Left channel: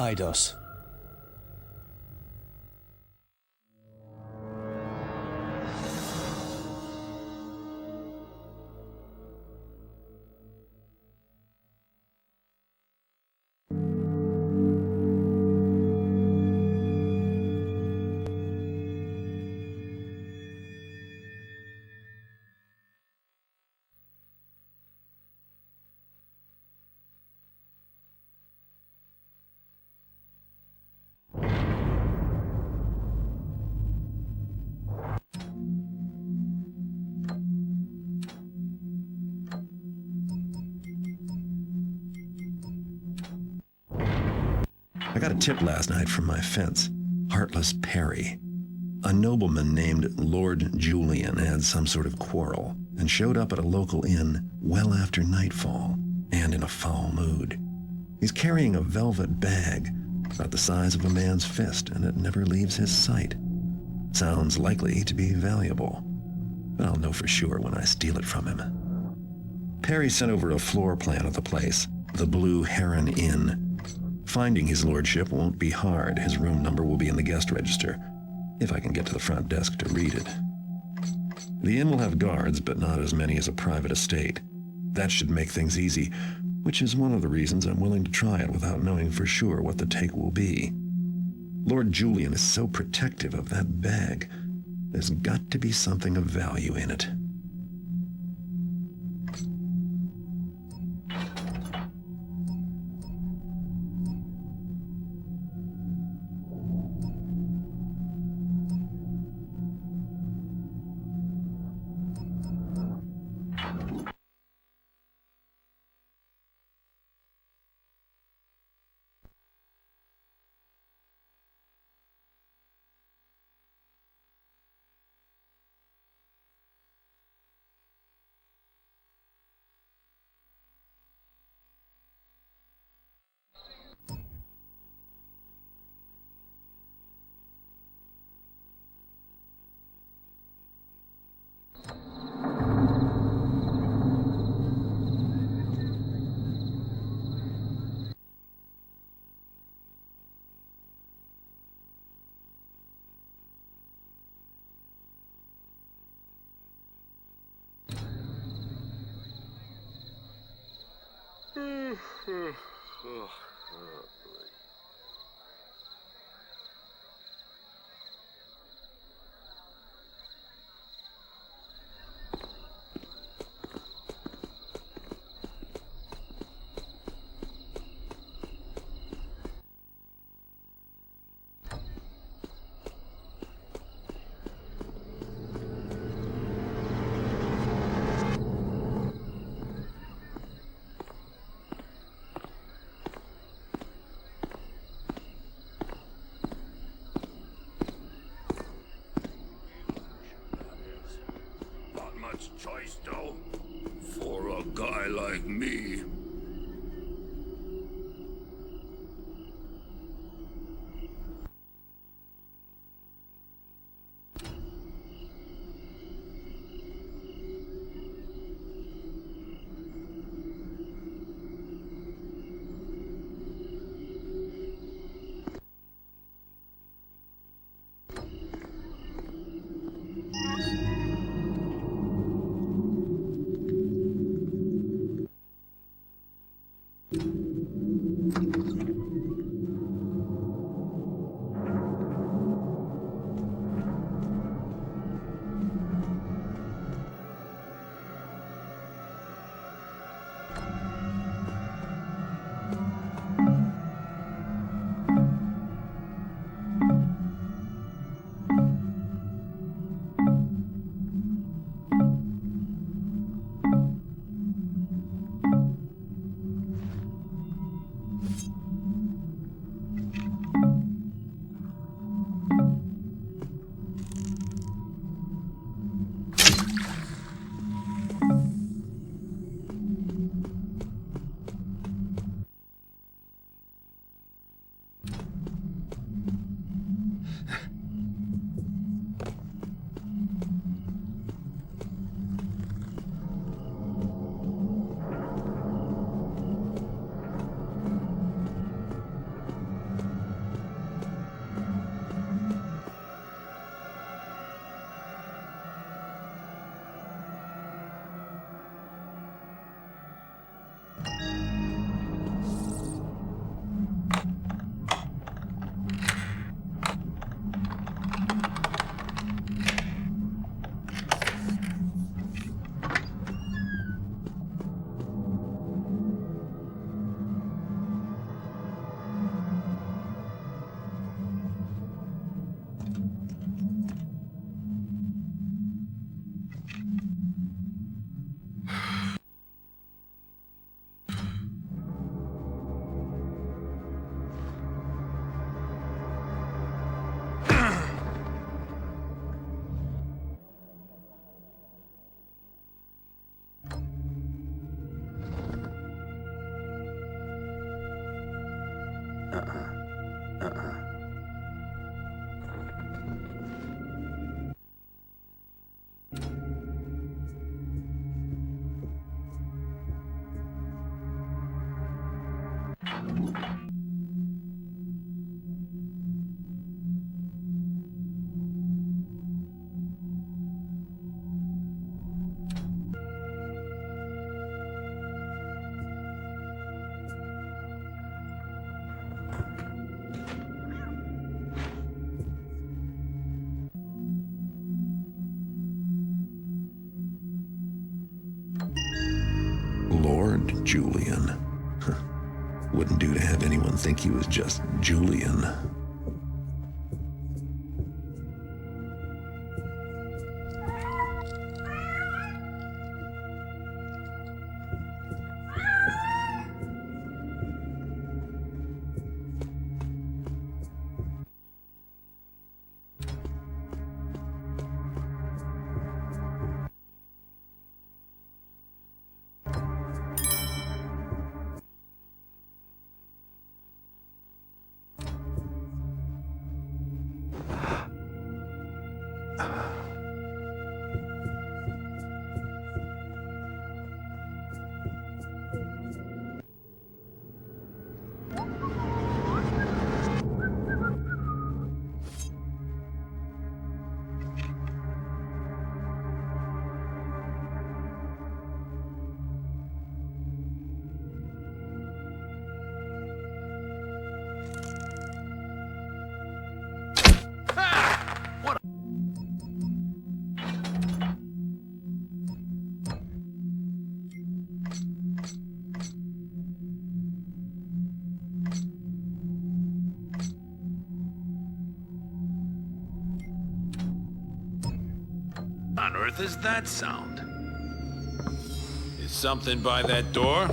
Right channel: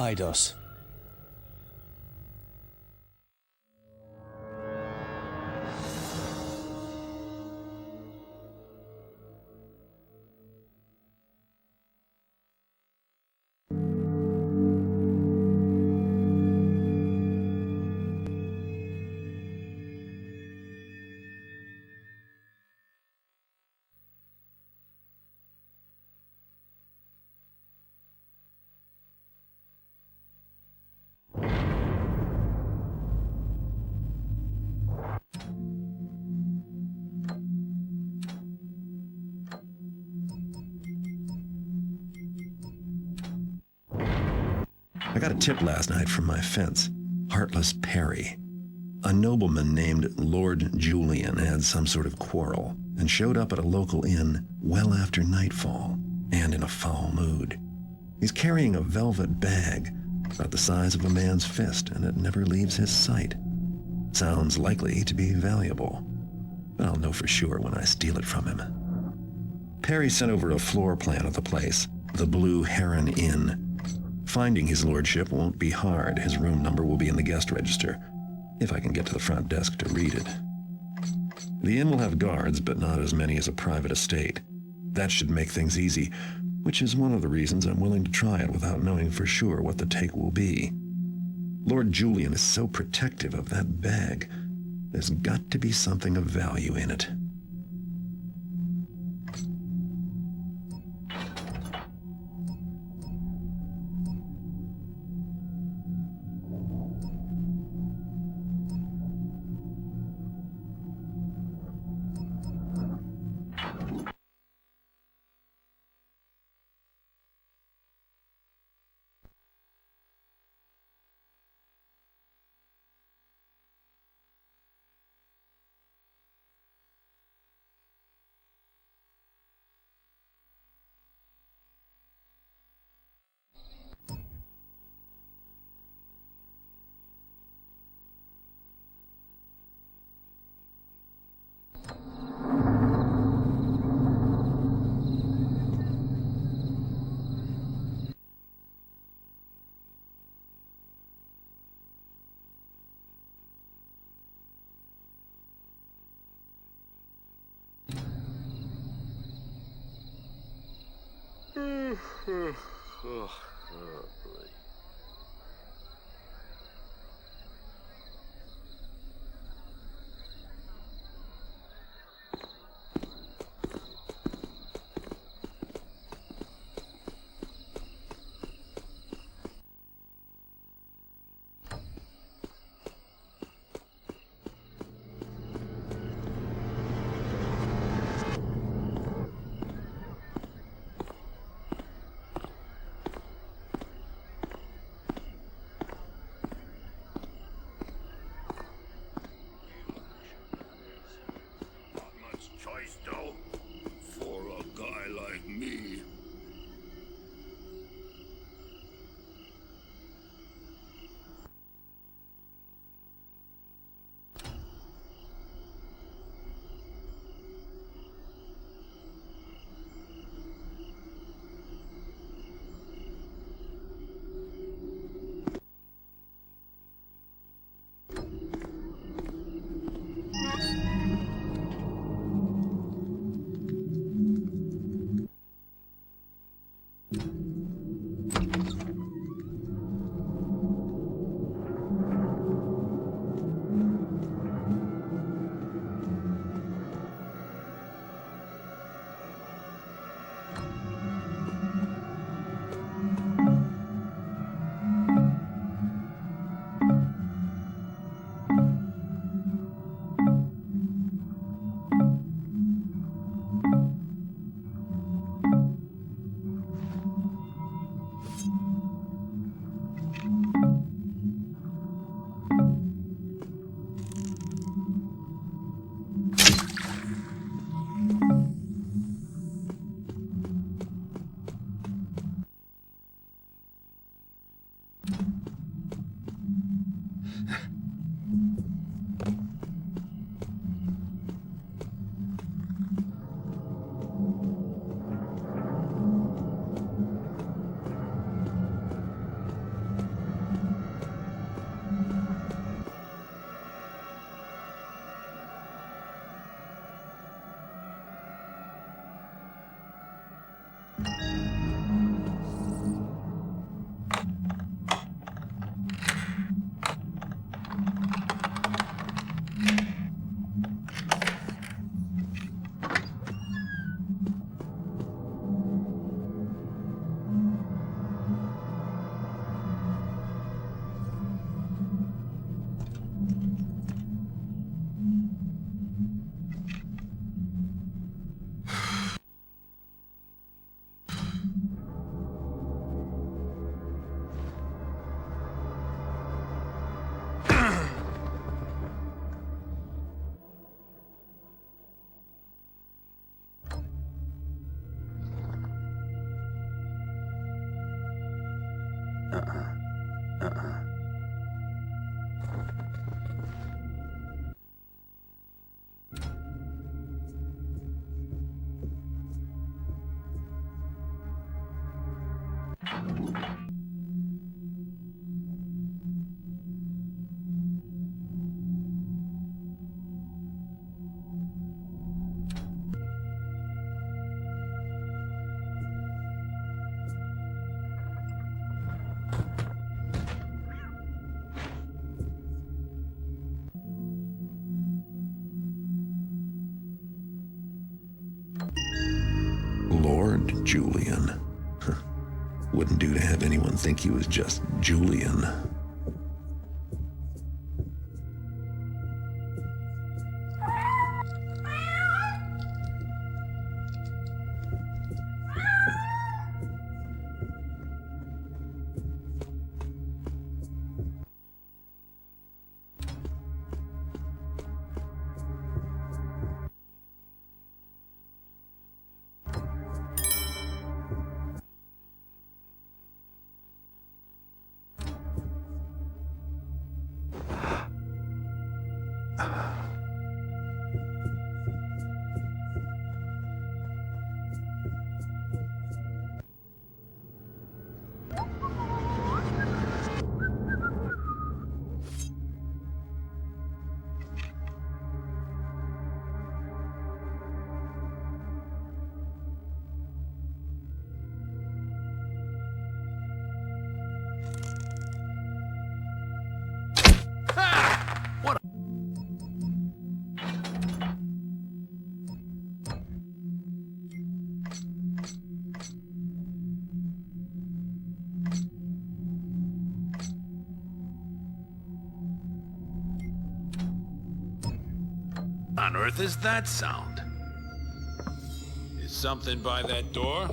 Eidos. I got a tip last night from my fence. Heartless Perry. A nobleman named Lord Julian had some sort of quarrel and showed up at a local inn well after nightfall and in a foul mood. He's carrying a velvet bag about the size of a man's fist, and it never leaves his sight. Sounds likely to be valuable, but I'll know for sure when I steal it from him. Perry sent over a floor plan of the place, the Blue Heron Inn. Finding his lordship won't be hard. His room number will be in the guest register, if I can get to the front desk to read it. The inn will have guards, but not as many as a private estate. That should make things easy, which is one of the reasons I'm willing to try it without knowing for sure what the take will be. Lord Julian is so protective of that bag. There's got to be something of value in it. Lord Julian. Wouldn't do to have anyone think he was just Julian. On earth is that sound? Is something by that door?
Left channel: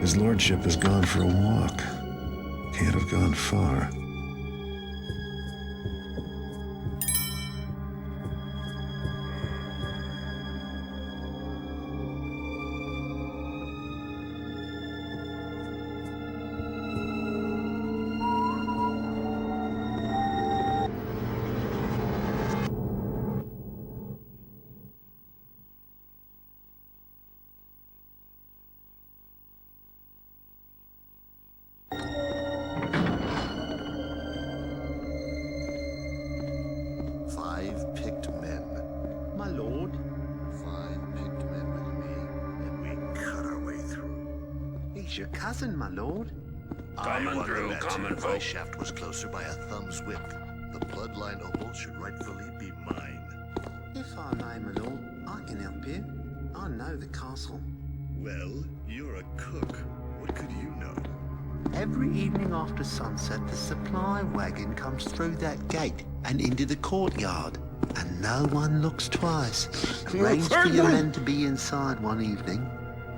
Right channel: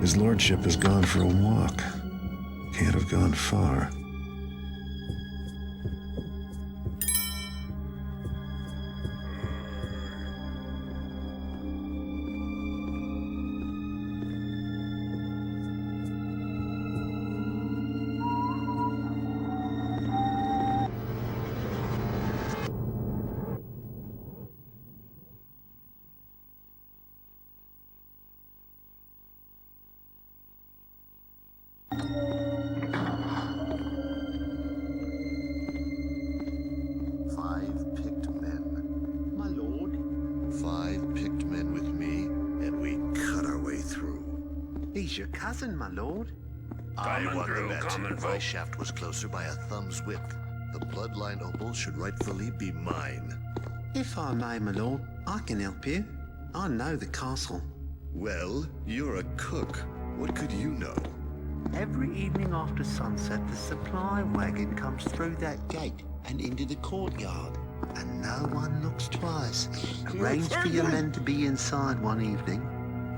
His lordship has gone for a walk. Can't have gone far. Your cousin, my lord. Coming through. My shaft was closer by a thumb's width. The bloodline opal should rightfully be mine. If I may, my lord, I can help you. I know the castle. Well, you're a cook. What could you know? Every evening after sunset, the supply wagon comes through that gate and into the courtyard. And no one looks twice. Arrange for your men to be inside one evening.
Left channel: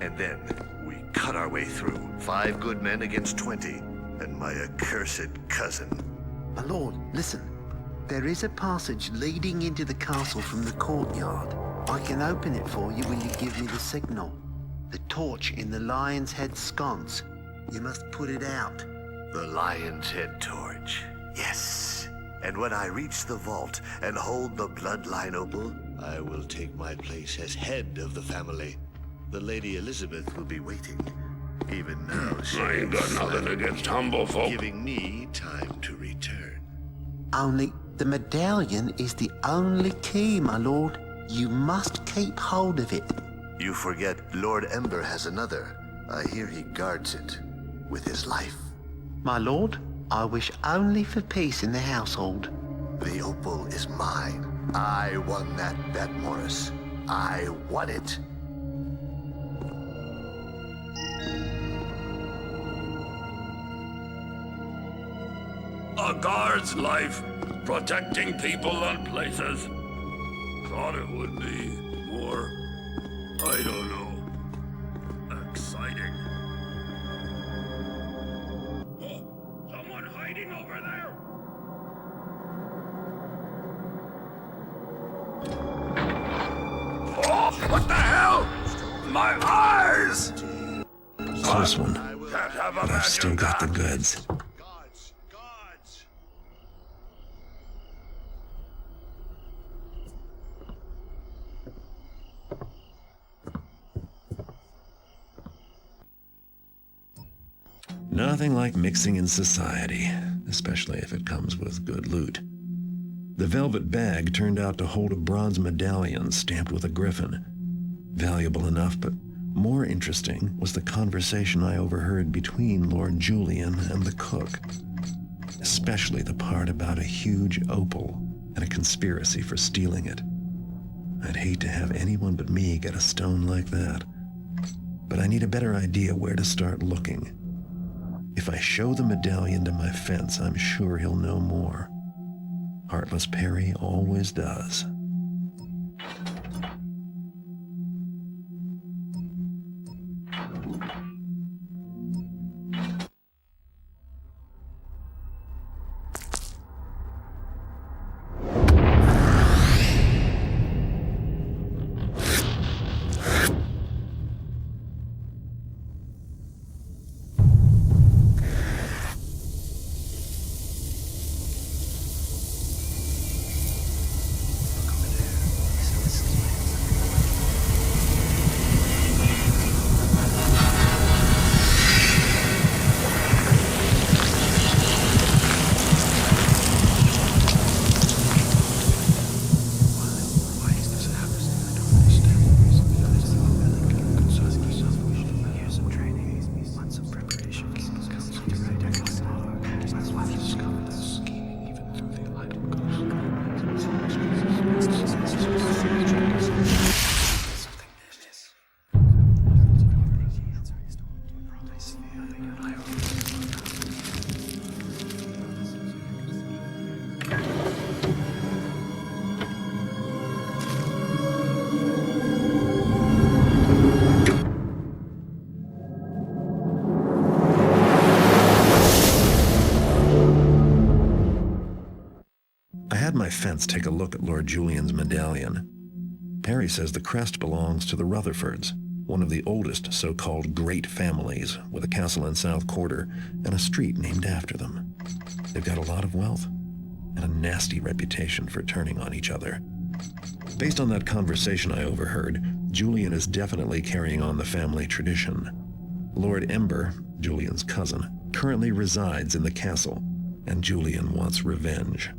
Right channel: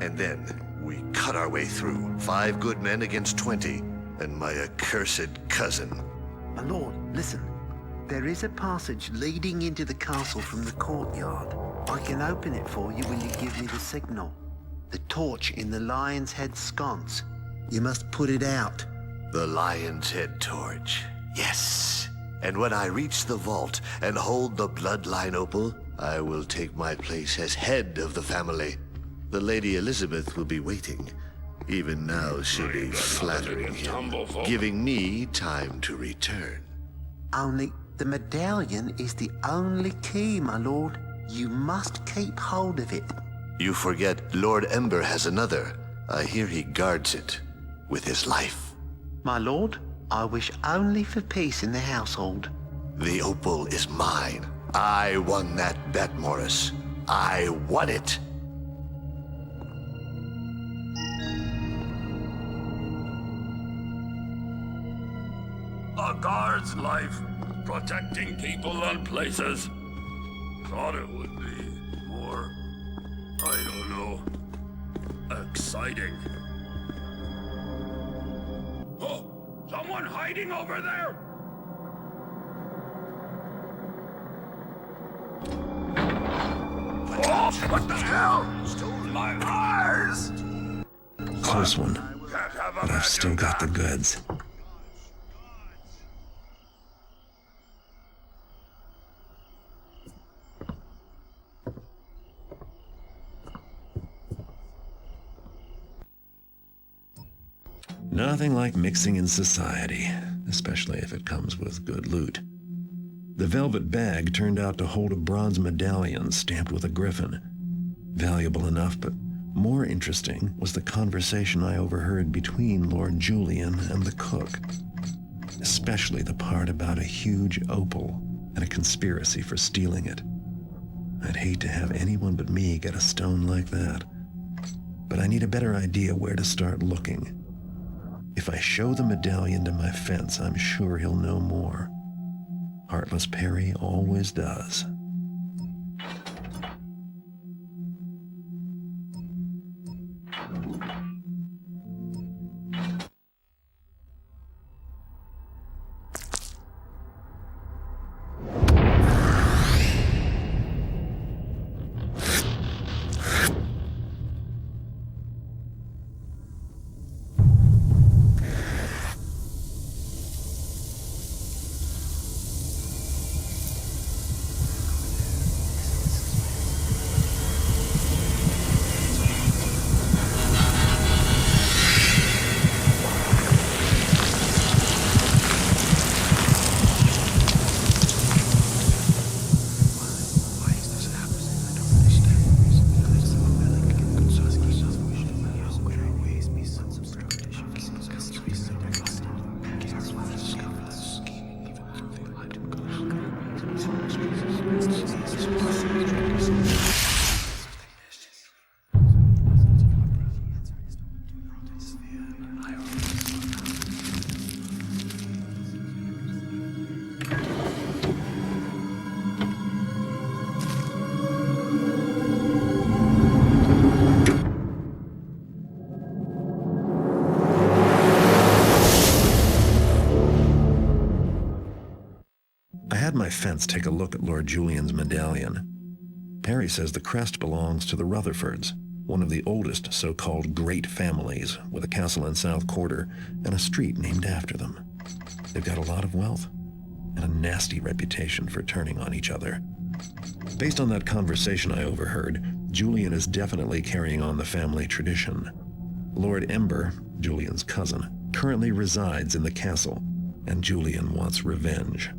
And then we cut our way through. 5 good men against 20. And my accursed cousin. My lord, listen. There is a passage leading into the castle from the courtyard. I can open it for you when you give me the signal. The torch in the Lion's Head sconce. You must put it out. The Lion's Head torch. Yes. And when I reach the vault and hold the bloodline opal, I will take my place as head of the family. The Lady Elizabeth will be waiting. Even now, she ain't got nothing against humble folk. giving me time to return. Only the medallion is the only key, my lord. You must keep hold of it. You forget Lord Ember has another. I hear he guards it with his life. My lord, I wish only for peace in the household. The opal is mine. I won that bet, Morris. I won it. A guard's life, protecting people and places. Thought it would be more, I don't know, exciting. Oh, someone hiding over there! Oh, what the hell? My eyes! Close one, Can't have a but I've still got the goods. Nothing like mixing in society, especially if it comes with good loot. The velvet bag turned out to hold a bronze medallion stamped with a griffin. Valuable enough, but more interesting was the conversation I overheard between Lord Julian and the cook. Especially the part about a huge opal and a conspiracy for stealing it. I'd hate to have anyone but me get a stone like that. But I need a better idea where to start looking. If I show the medallion to my fence, I'm sure he'll know more. Heartless Perry always does. I had my fence take a look at Lord Julian's medallion. Perry says the crest belongs to the Rutherfords, one of the oldest so-called great families, with a castle in South Quarter and a street named after them. They've got a lot of wealth and a nasty reputation for turning on each other. Based on that conversation I overheard, Julian is definitely carrying on the family tradition. Lord Ember, Julian's cousin, currently resides in the castle, and Julian wants revenge.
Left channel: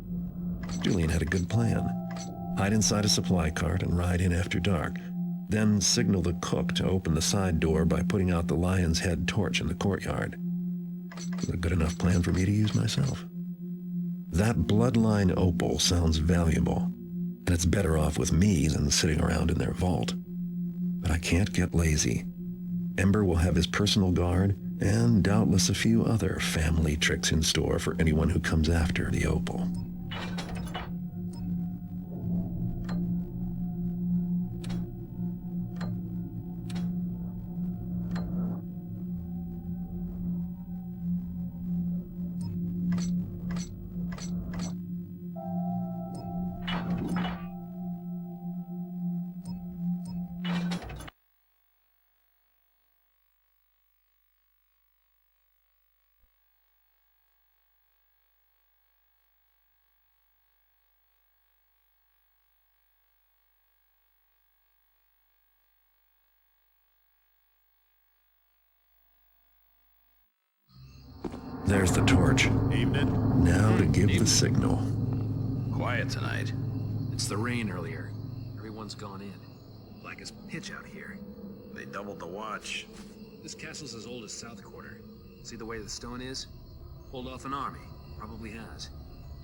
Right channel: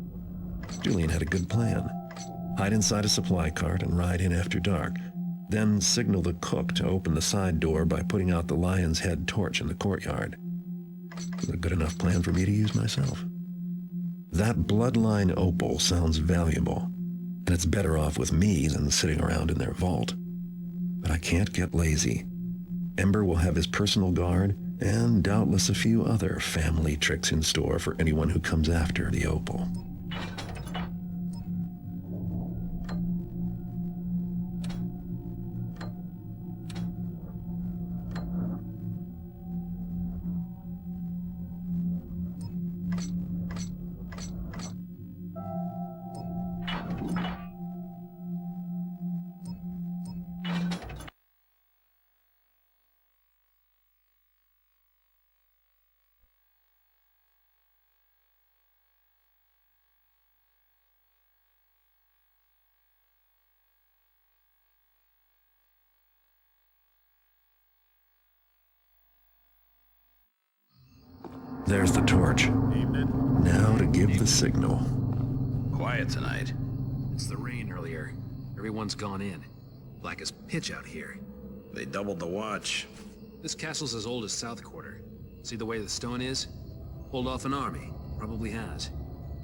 Julian had a good plan. Hide inside a supply cart and ride in after dark, then signal the cook to open the side door by putting out the lion's head torch in the courtyard. It was a good enough plan for me to use myself. That bloodline opal sounds valuable, and it's better off with me than sitting around in their vault. But I can't get lazy. Ember will have his personal guard, and doubtless a few other family tricks in store for anyone who comes after the opal. There's the torch. Evening. Now to give the signal. Quiet tonight. It's the rain earlier. Everyone's gone in. Black as pitch out here. They doubled the watch. This castle's as old as South Quarter. See the way the stone is? Pulled off an army. Probably has.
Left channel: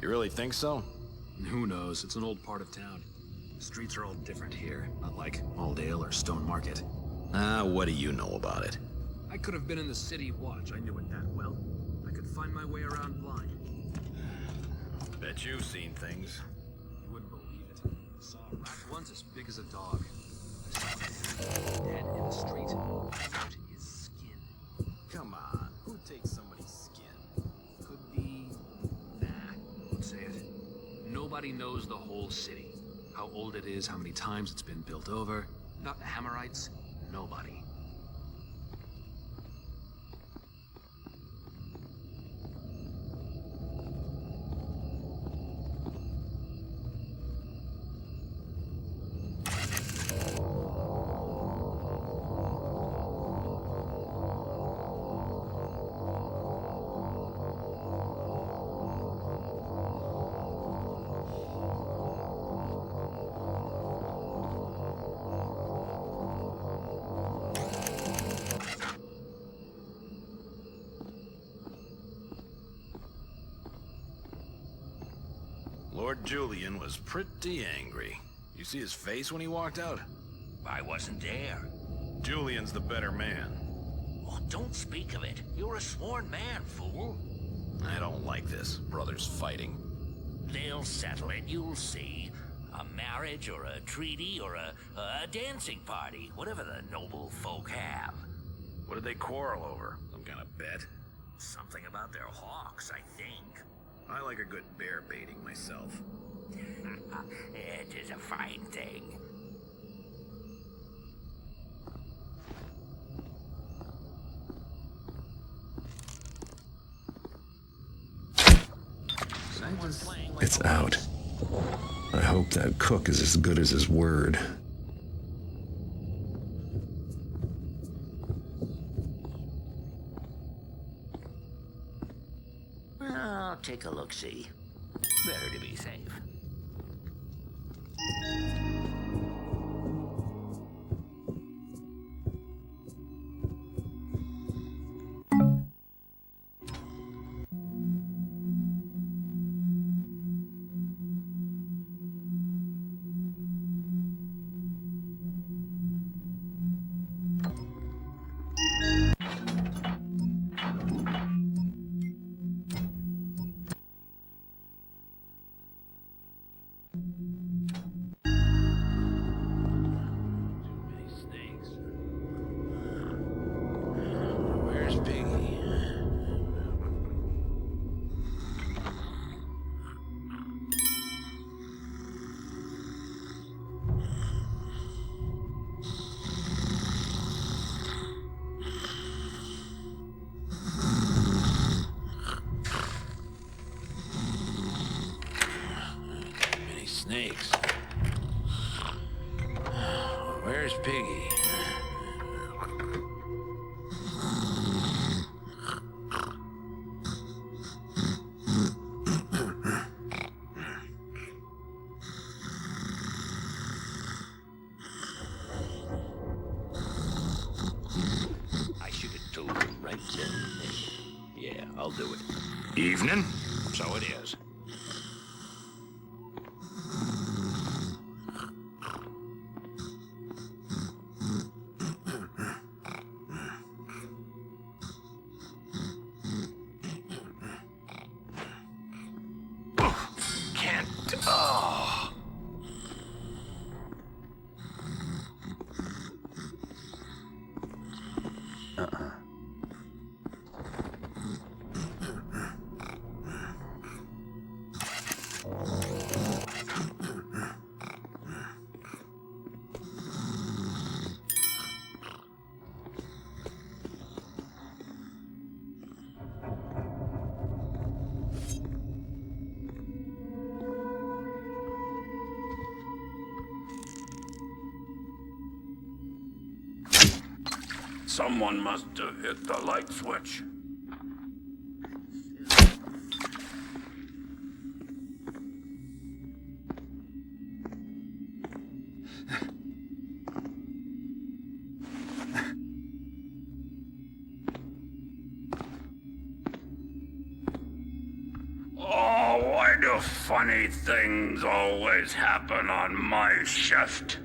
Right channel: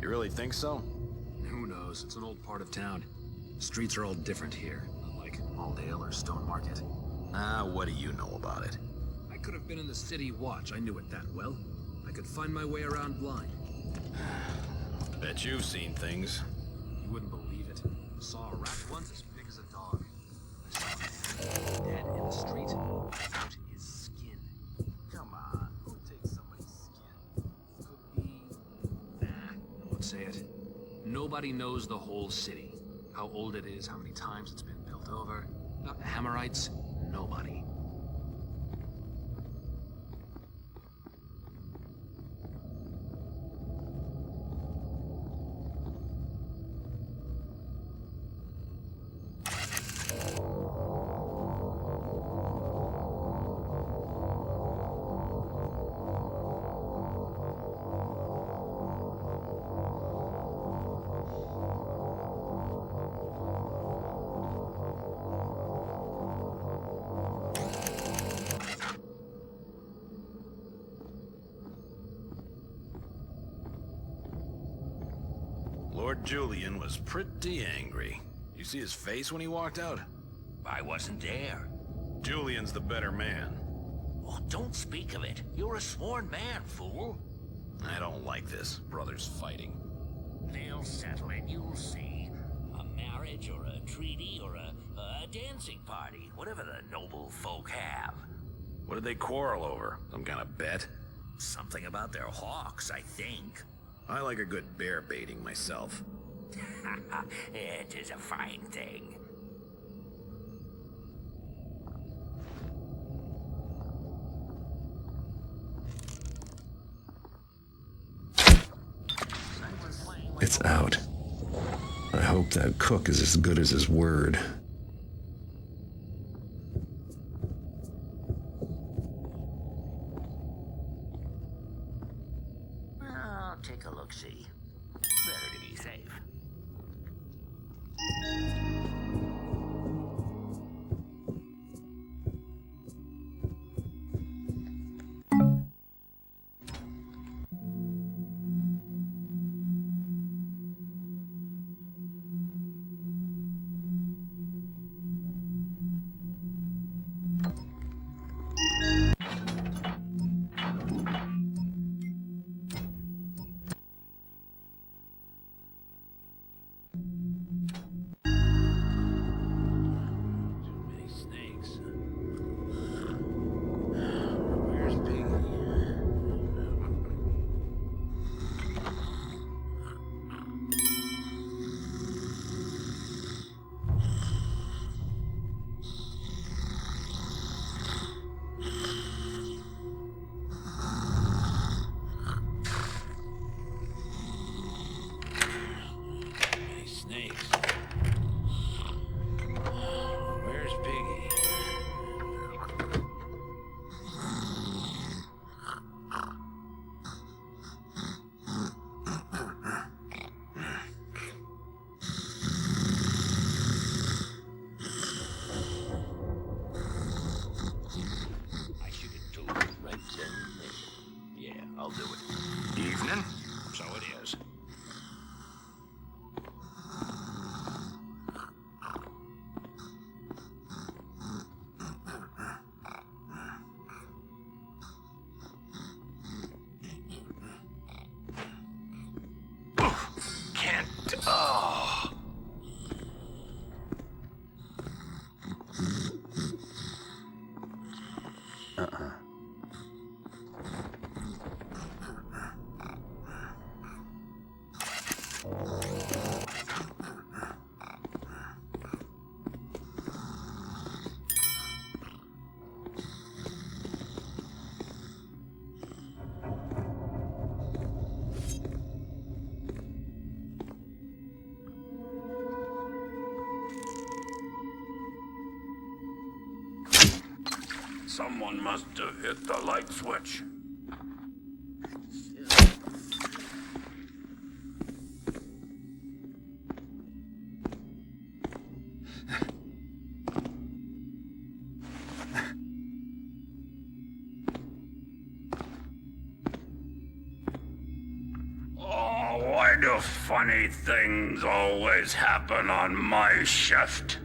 You really think so? Who knows? It's an old part of town. The streets are all different here, not like Aldale or Stone Market. What do you know about it? I could have been in the city watch. I knew it that well. I could find my way around blind. Bet you've seen things. You wouldn't believe it. Saw a rat once as big as a dog. I saw a man dead in the street without his skin. Come on, who takes somebody's skin? Could be... Nah, won't say it. Nobody knows the whole city. How old it is, how many times it's been built over. Not Hammerites, nobody. Lord Julian was pretty angry. You see his face when he walked out? I wasn't there. Julian's the better man. Oh, don't speak of it. You're a sworn man, fool. I don't like this, brothers fighting. They'll settle it, you'll see. A marriage or a treaty or a dancing party, whatever the noble folk have. What did they quarrel over? Some kind of bet? Something about their hawks, I think. I like a good bear baiting myself. It is a fine thing. It's out. I hope that cook is as good as his word. I'll take a look-see. Better to be safe. Where's Piggy? Any snakes? Where's Piggy? I should have told him right then and there. Yeah, I'll do it. Evening? So it is. Can't. Oh. Someone must have hit the light switch. Oh, wait! Why do funny things always happen on my shift?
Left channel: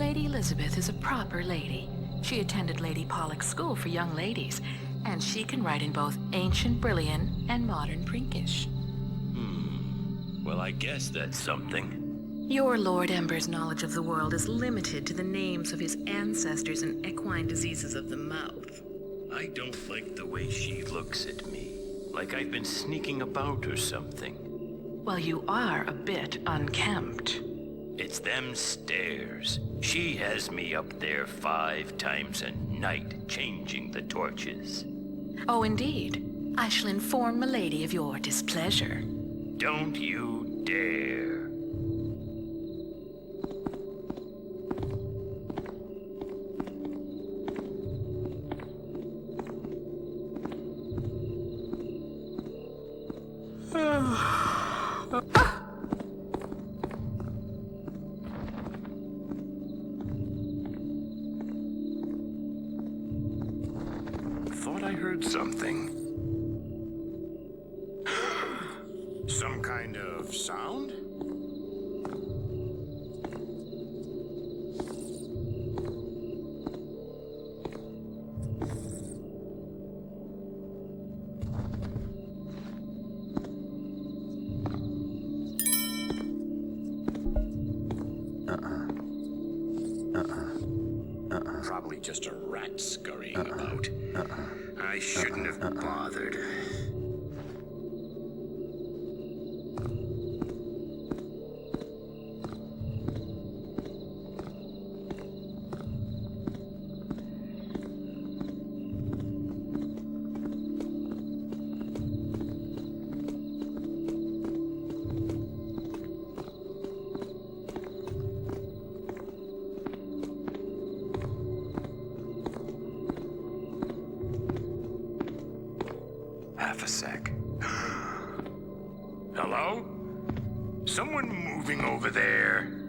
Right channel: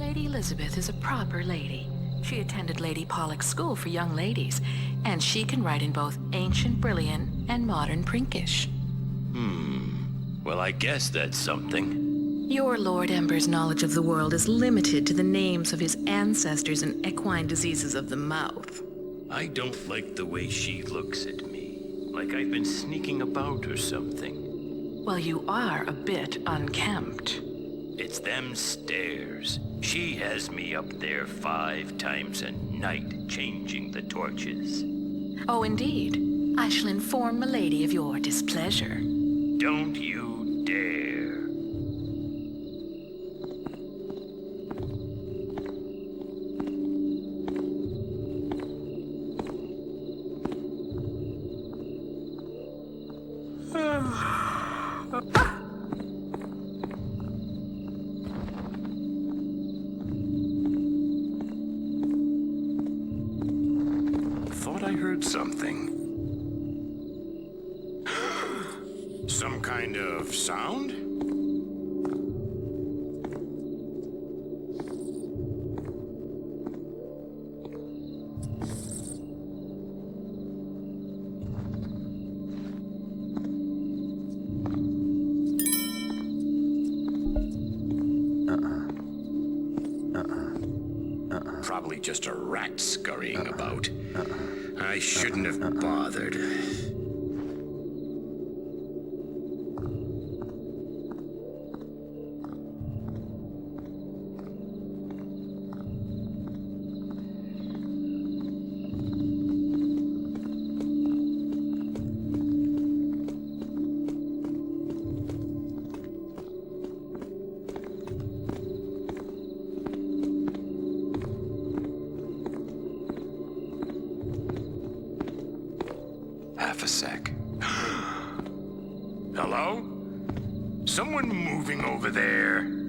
Lady Elizabeth is a proper lady. She attended Lady Pollock's school for young ladies, and she can write in both ancient Brillian and modern Prinkish. Well, I guess that's something. Your Lord Ember's knowledge of the world is limited to the names of his ancestors and equine diseases of the mouth. I don't like the way she looks at me. Like I've been sneaking about or something. Well, you are a bit unkempt. It's them stairs. She has me up there 5 times a night, changing the torches. Oh, indeed. I shall inform Milady of your displeasure. Don't you dare. Thought I heard something. Some kind of sound? Probably just a rat scurrying about. I shouldn't have bothered. Hello? Someone moving over there?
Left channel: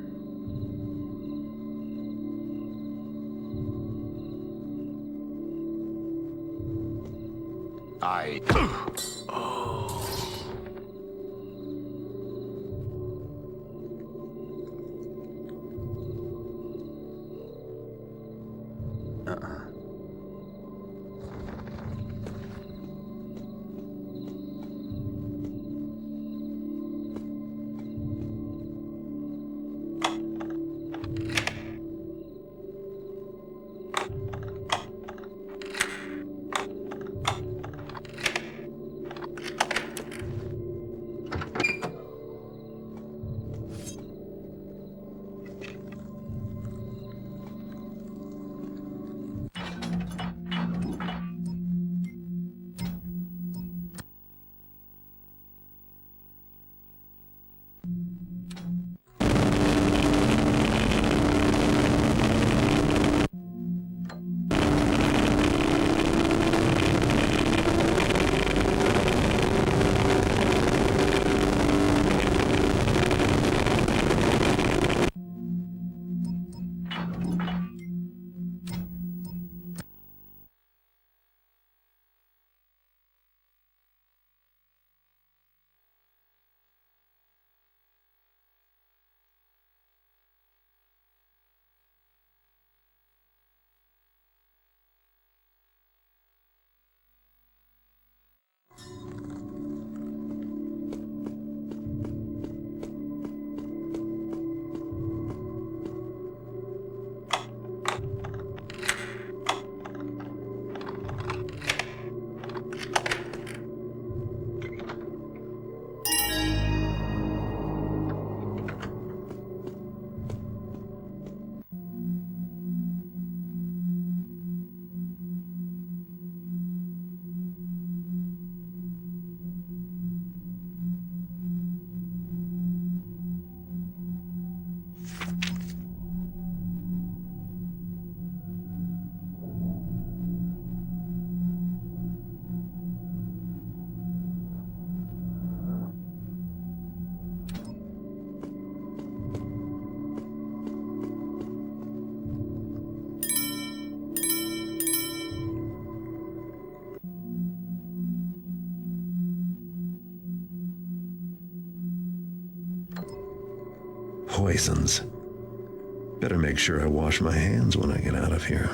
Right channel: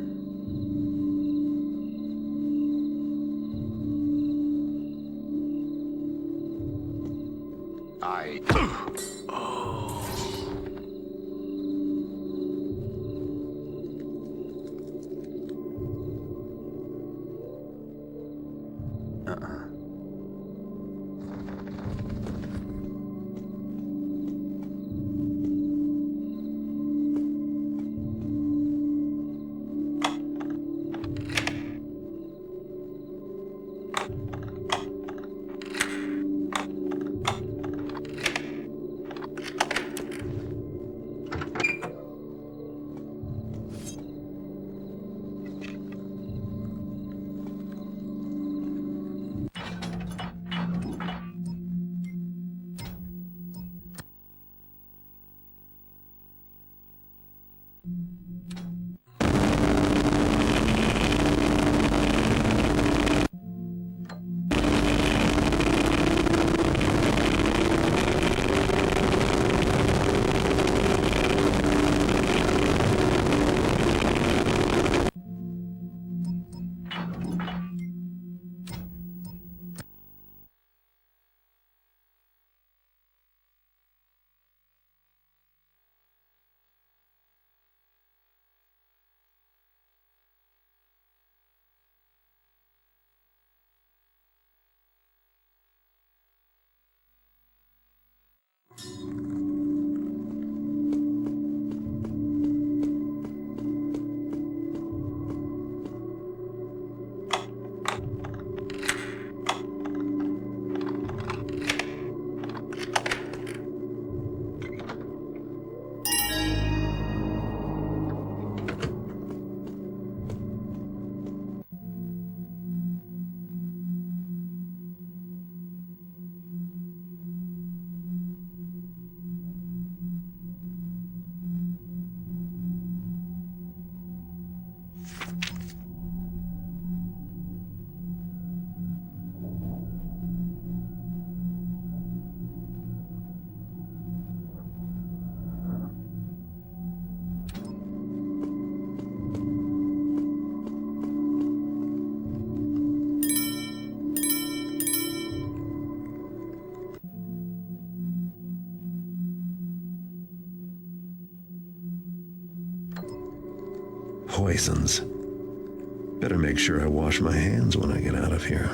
Poisons. Better make sure I wash my hands when I get out of here.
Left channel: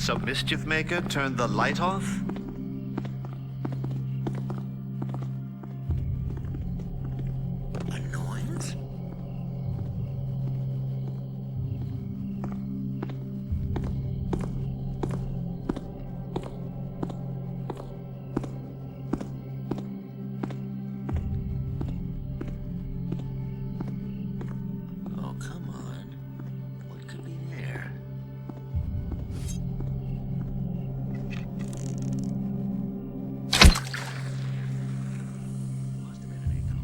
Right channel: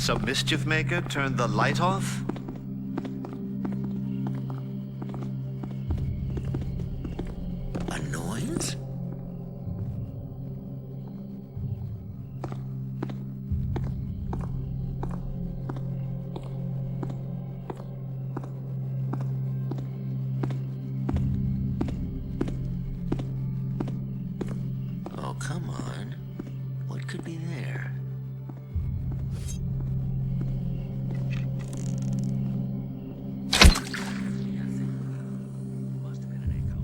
Some mischief maker turned the light off? Annoyance? Oh, come on. What could be there? Must have been an echo.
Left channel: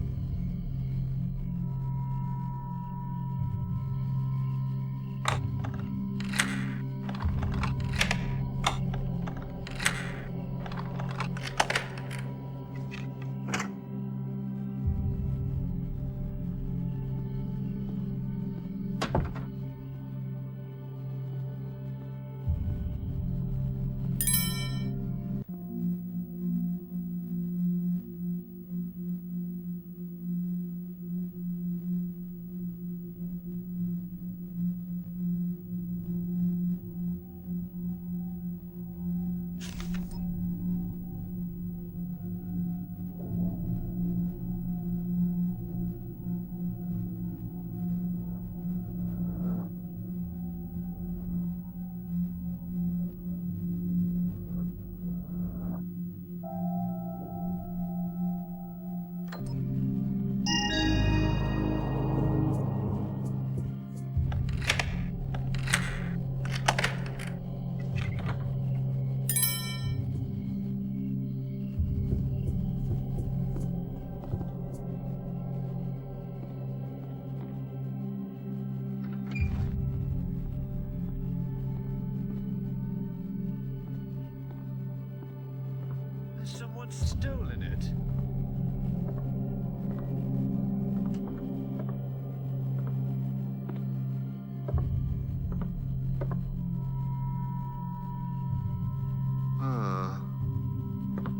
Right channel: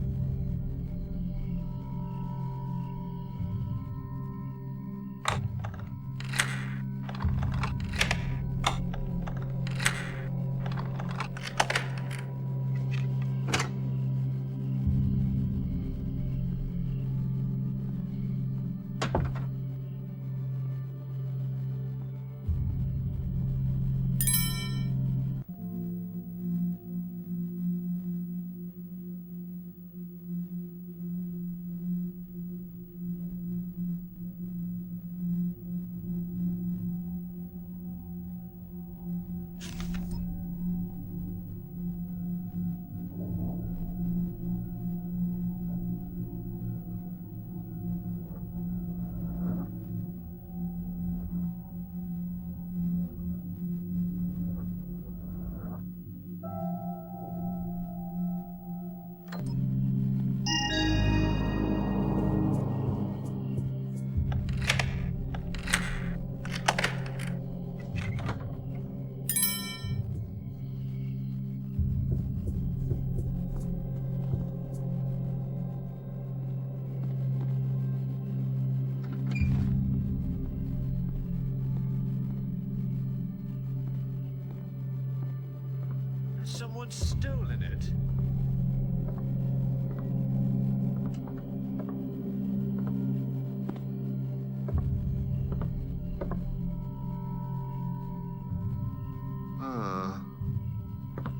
Someone's stolen it.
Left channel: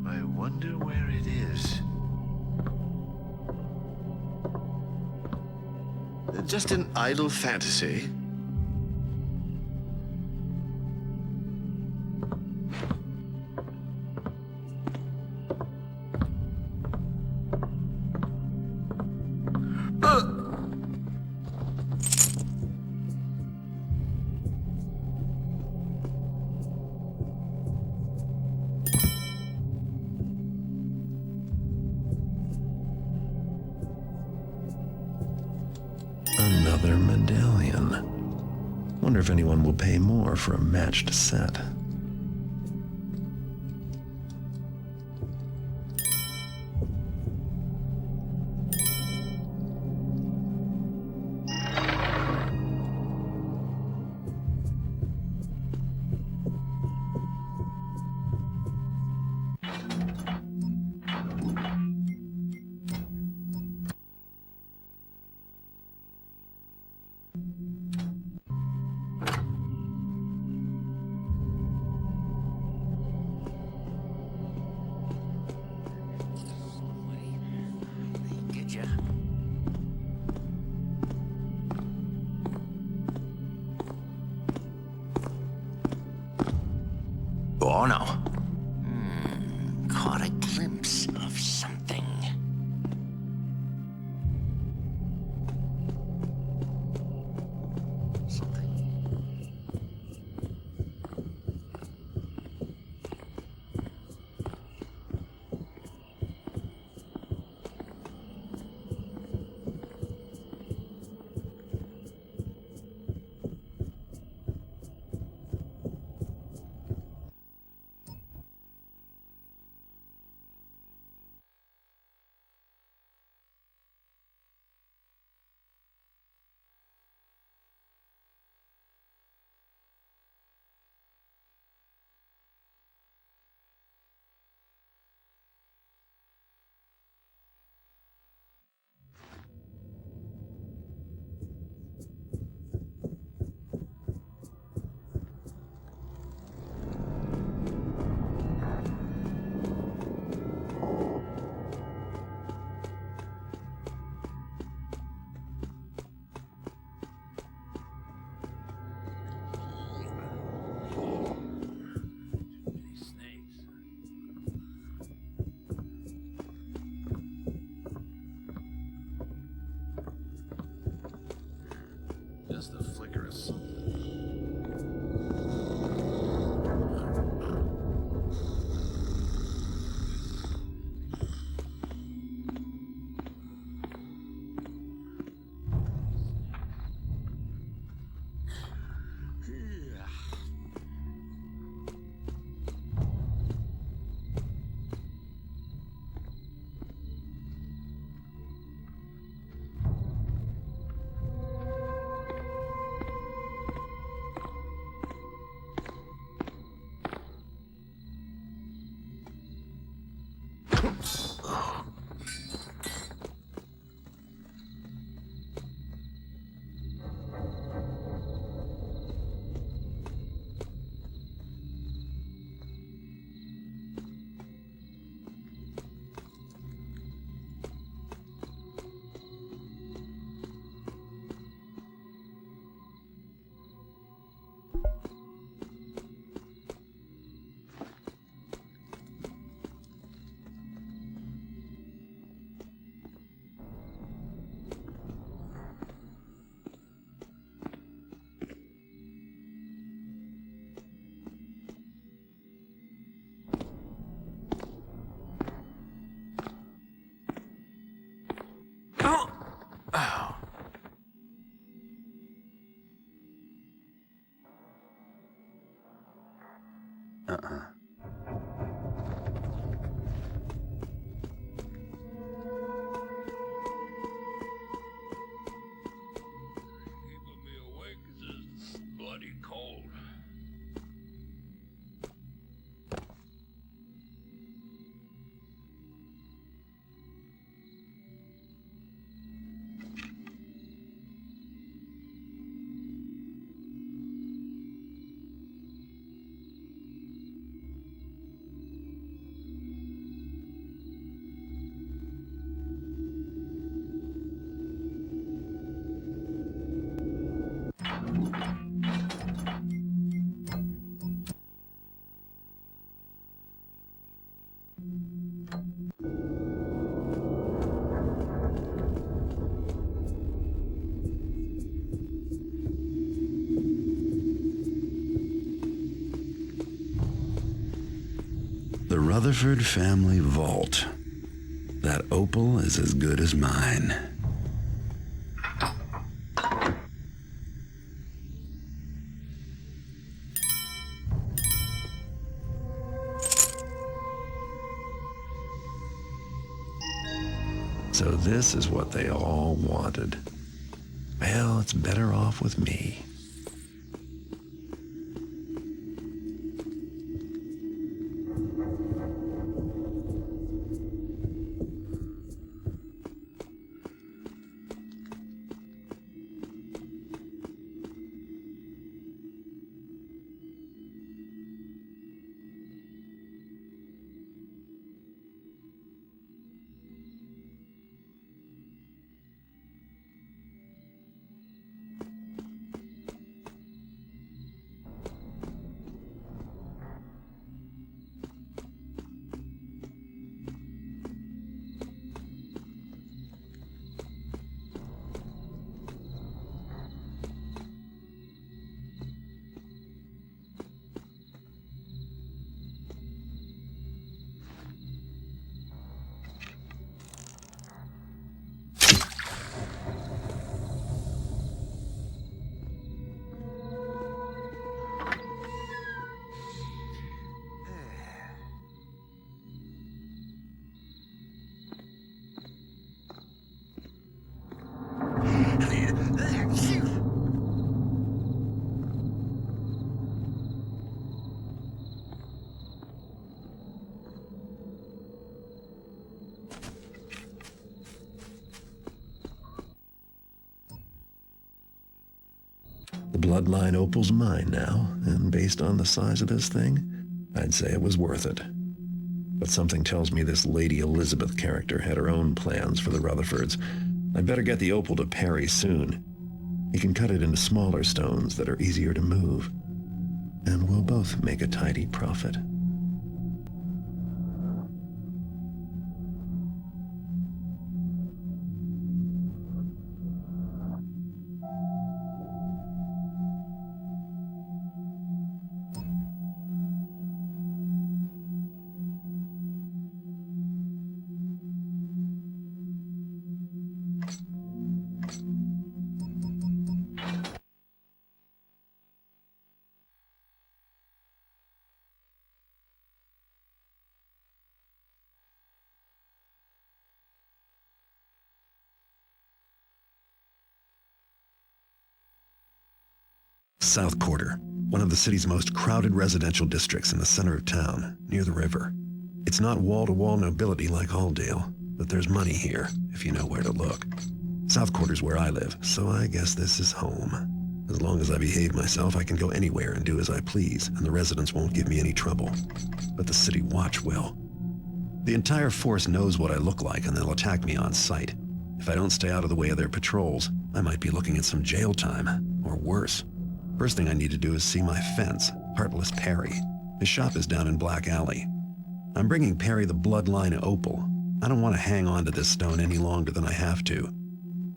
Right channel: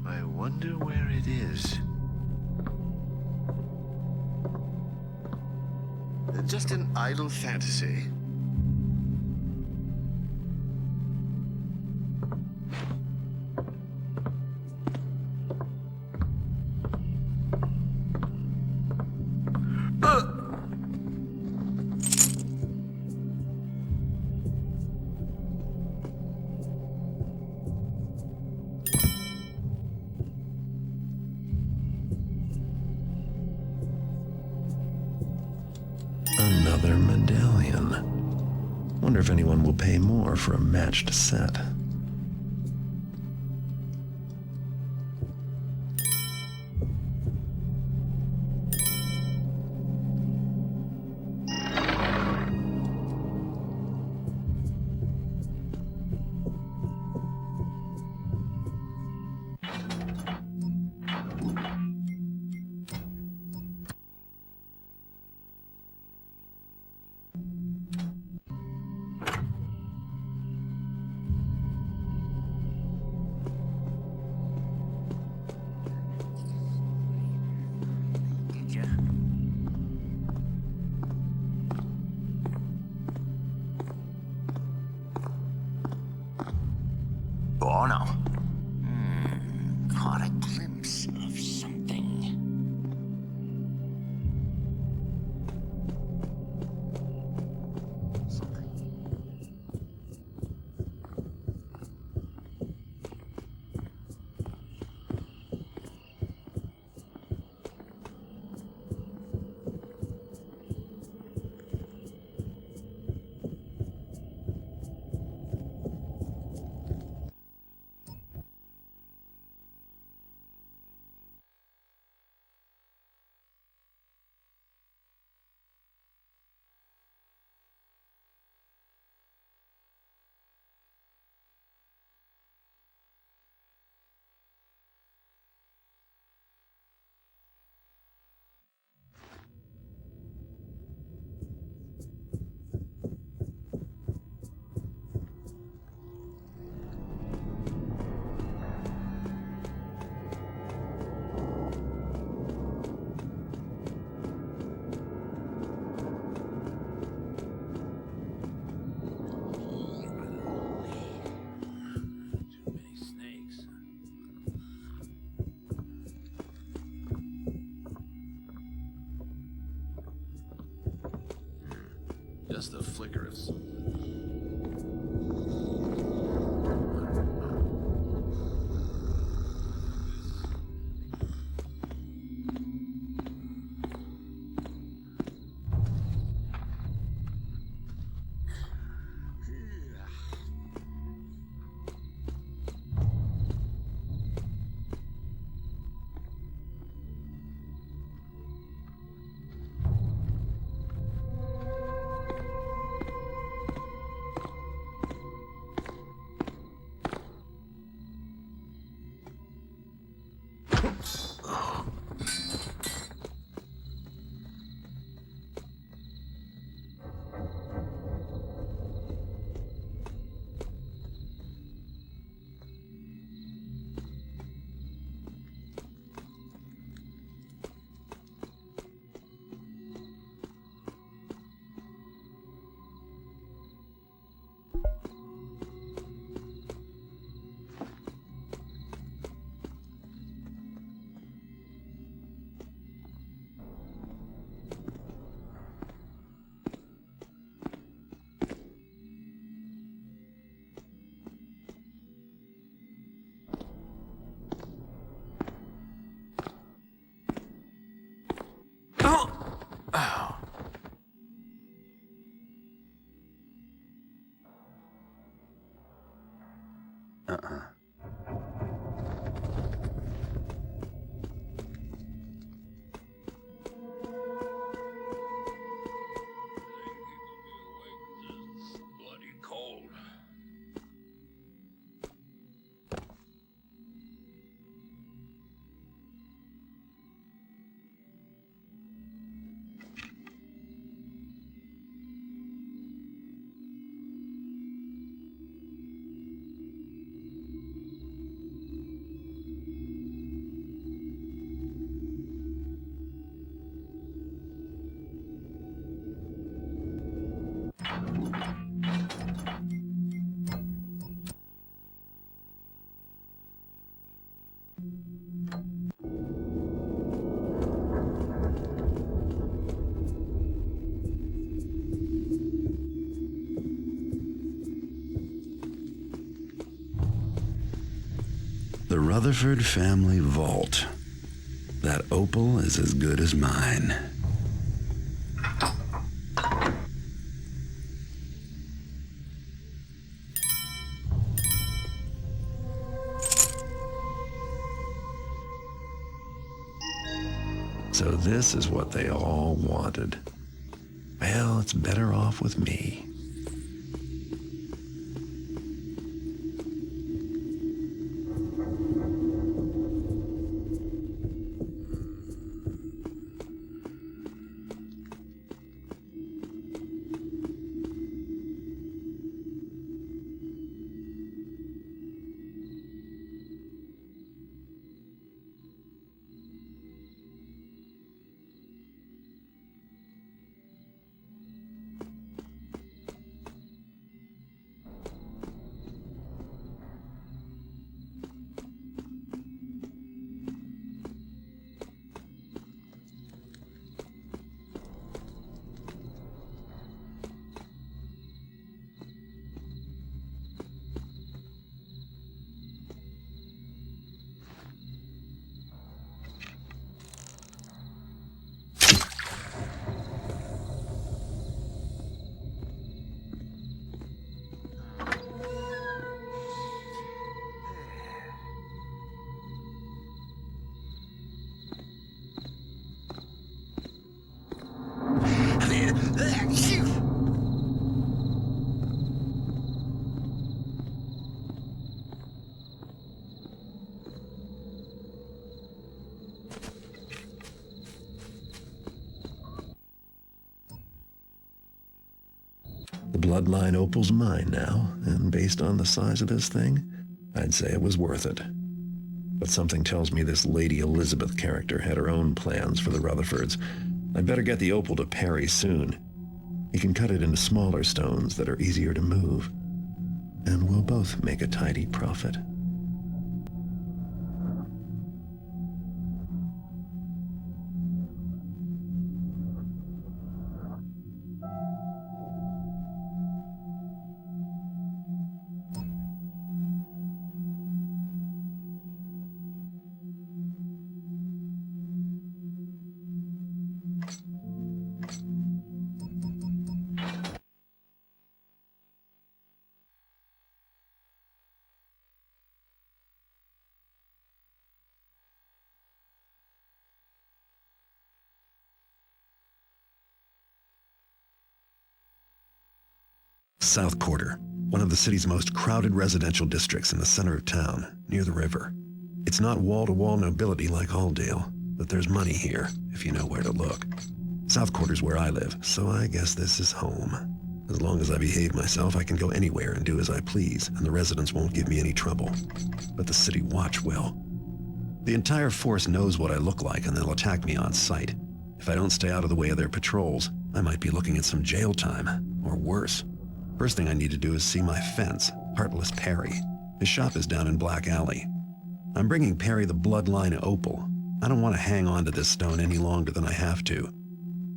I wonder where it is. Just an idle fantasy. Another medallion. Wonder if anyone will pay more for a matched set. Bloody cold. The Rutherford family vault. That opal is as good as mine. So this is what they all wanted. Well, it's better off with me. The bloodline opal's mine now, and based on the size of this thing, I'd say it was worth it. But something tells me this Lady Elizabeth character had her own plans for the Rutherfords. I'd better get the opal to Perry soon. He can cut it into smaller stones that are easier to move, and we'll both make a tidy profit. South Quarter, one of the city's most crowded residential districts in the center of town, near the river. It's not wall-to-wall nobility like Alldale, but there's money here, if you know where to look. South Quarter's where I live, so I guess this is home. As long as I behave myself, I can go anywhere and do as I please, and the residents won't give me any trouble. But the city watch will. The entire force knows what I look like, and they'll attack me on sight. If I don't stay out of the way of their patrols, I might be looking at some jail time, or worse. First thing I need to do is see my fence, Heartless Perry. His shop is down in Black Alley. I'm bringing Perry the bloodline opal. I don't want to hang on to this stone any longer than I have to.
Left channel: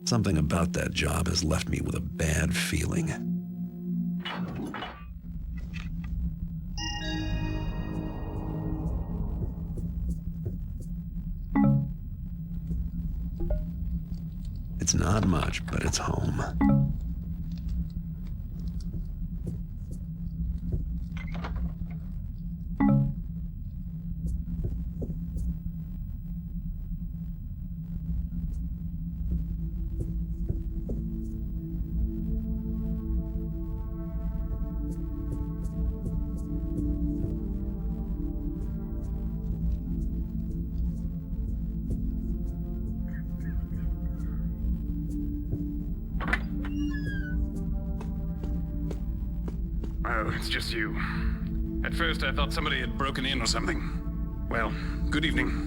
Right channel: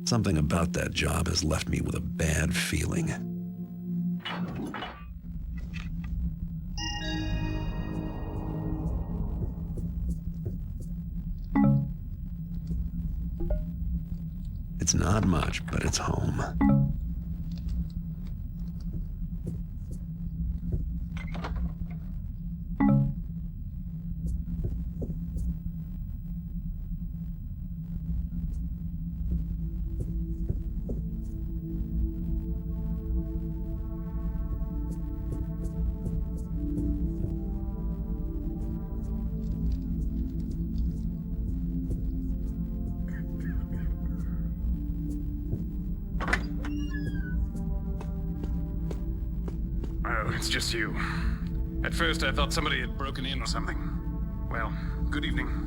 Something about that job has left me with a bad feeling. It's not much, but it's home. it's just you. At first, I thought somebody had broken in or something. Well, good evening.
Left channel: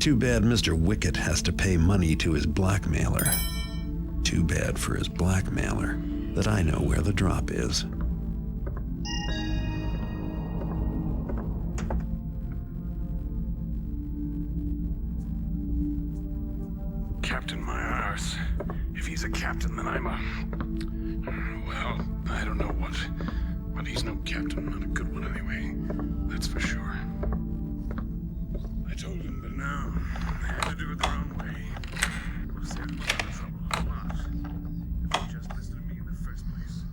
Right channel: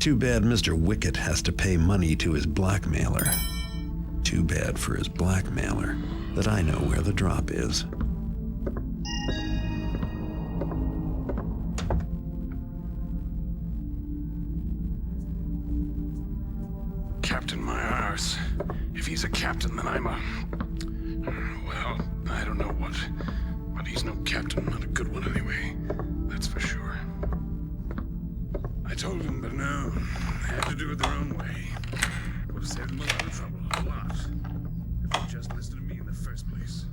Too bad Mr. Wicket has to pay money to his blackmailer. Too bad for his blackmailer that I know where the drop is. Captain my arse. If he's a captain, then I'm a... Well, I don't know what. But he's no captain, not a good one anyway. That's for sure. I told him, but now they have to do it their own way. It would have saved me a lot of trouble, a lot. If they just listened to me in the first place.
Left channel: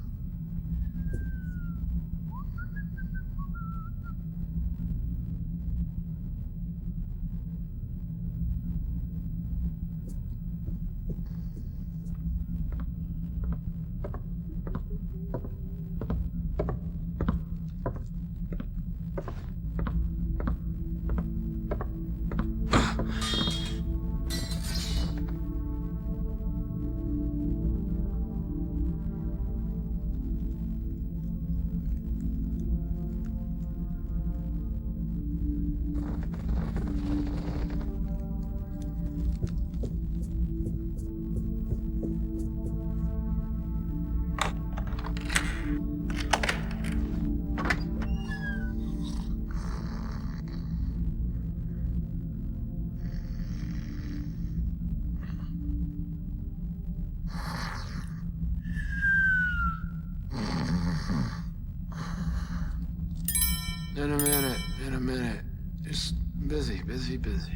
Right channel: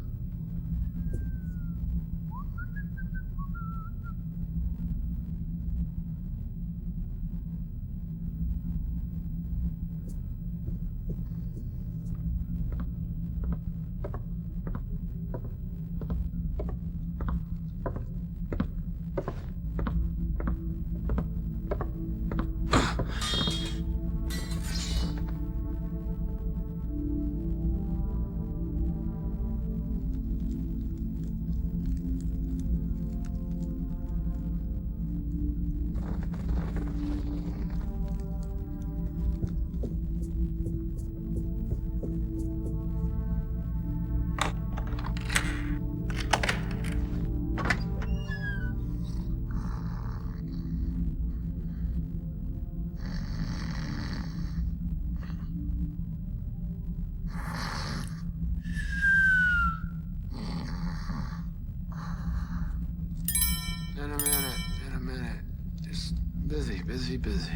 In a minute. Just busy. In a minute. Just busy.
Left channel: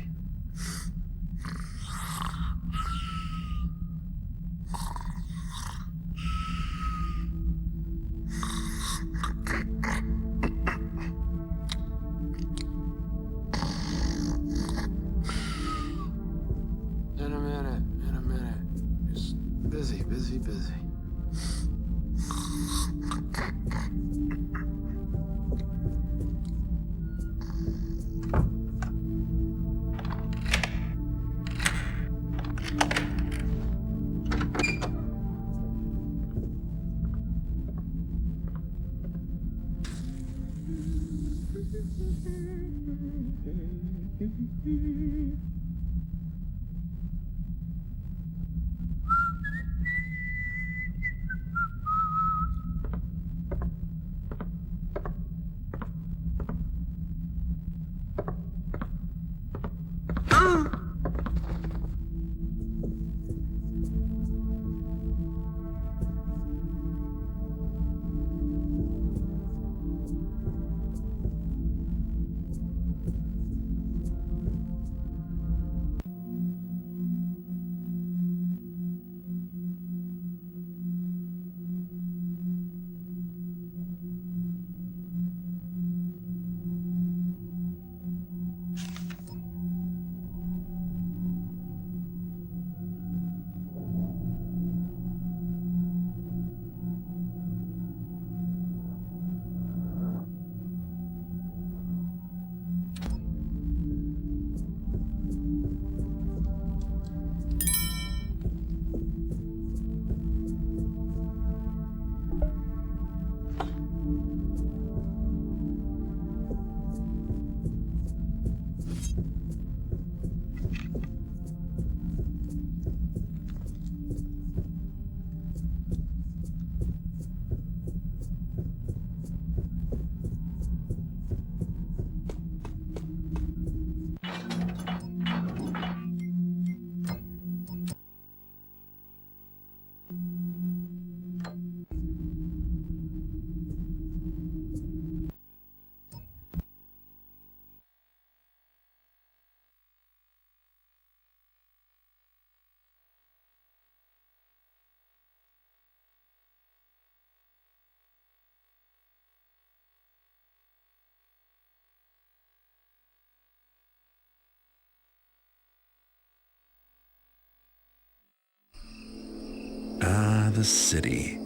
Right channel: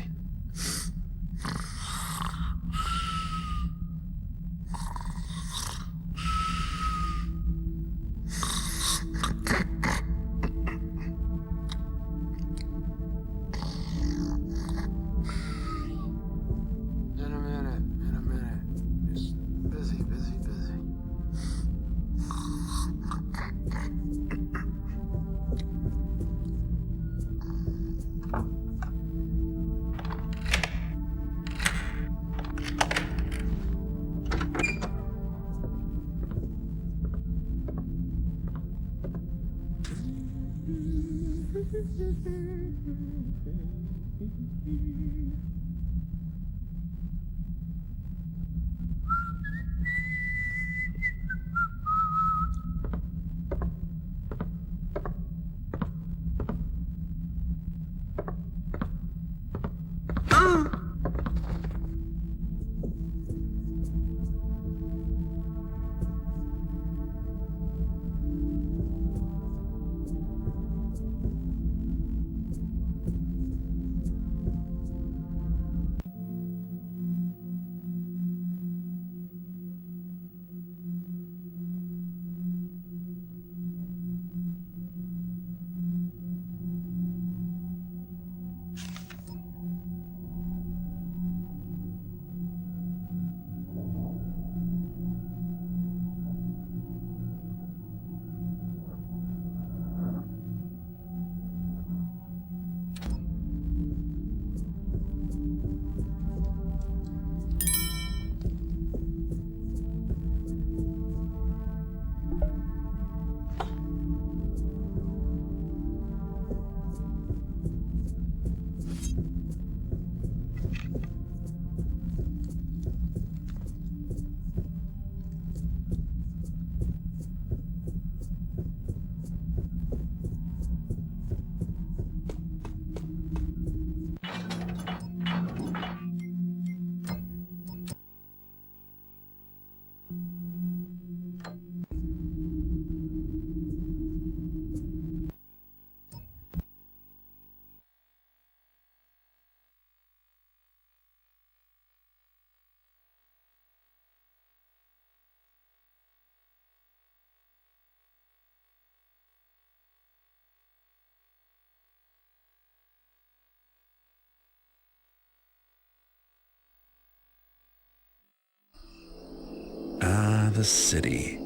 the city.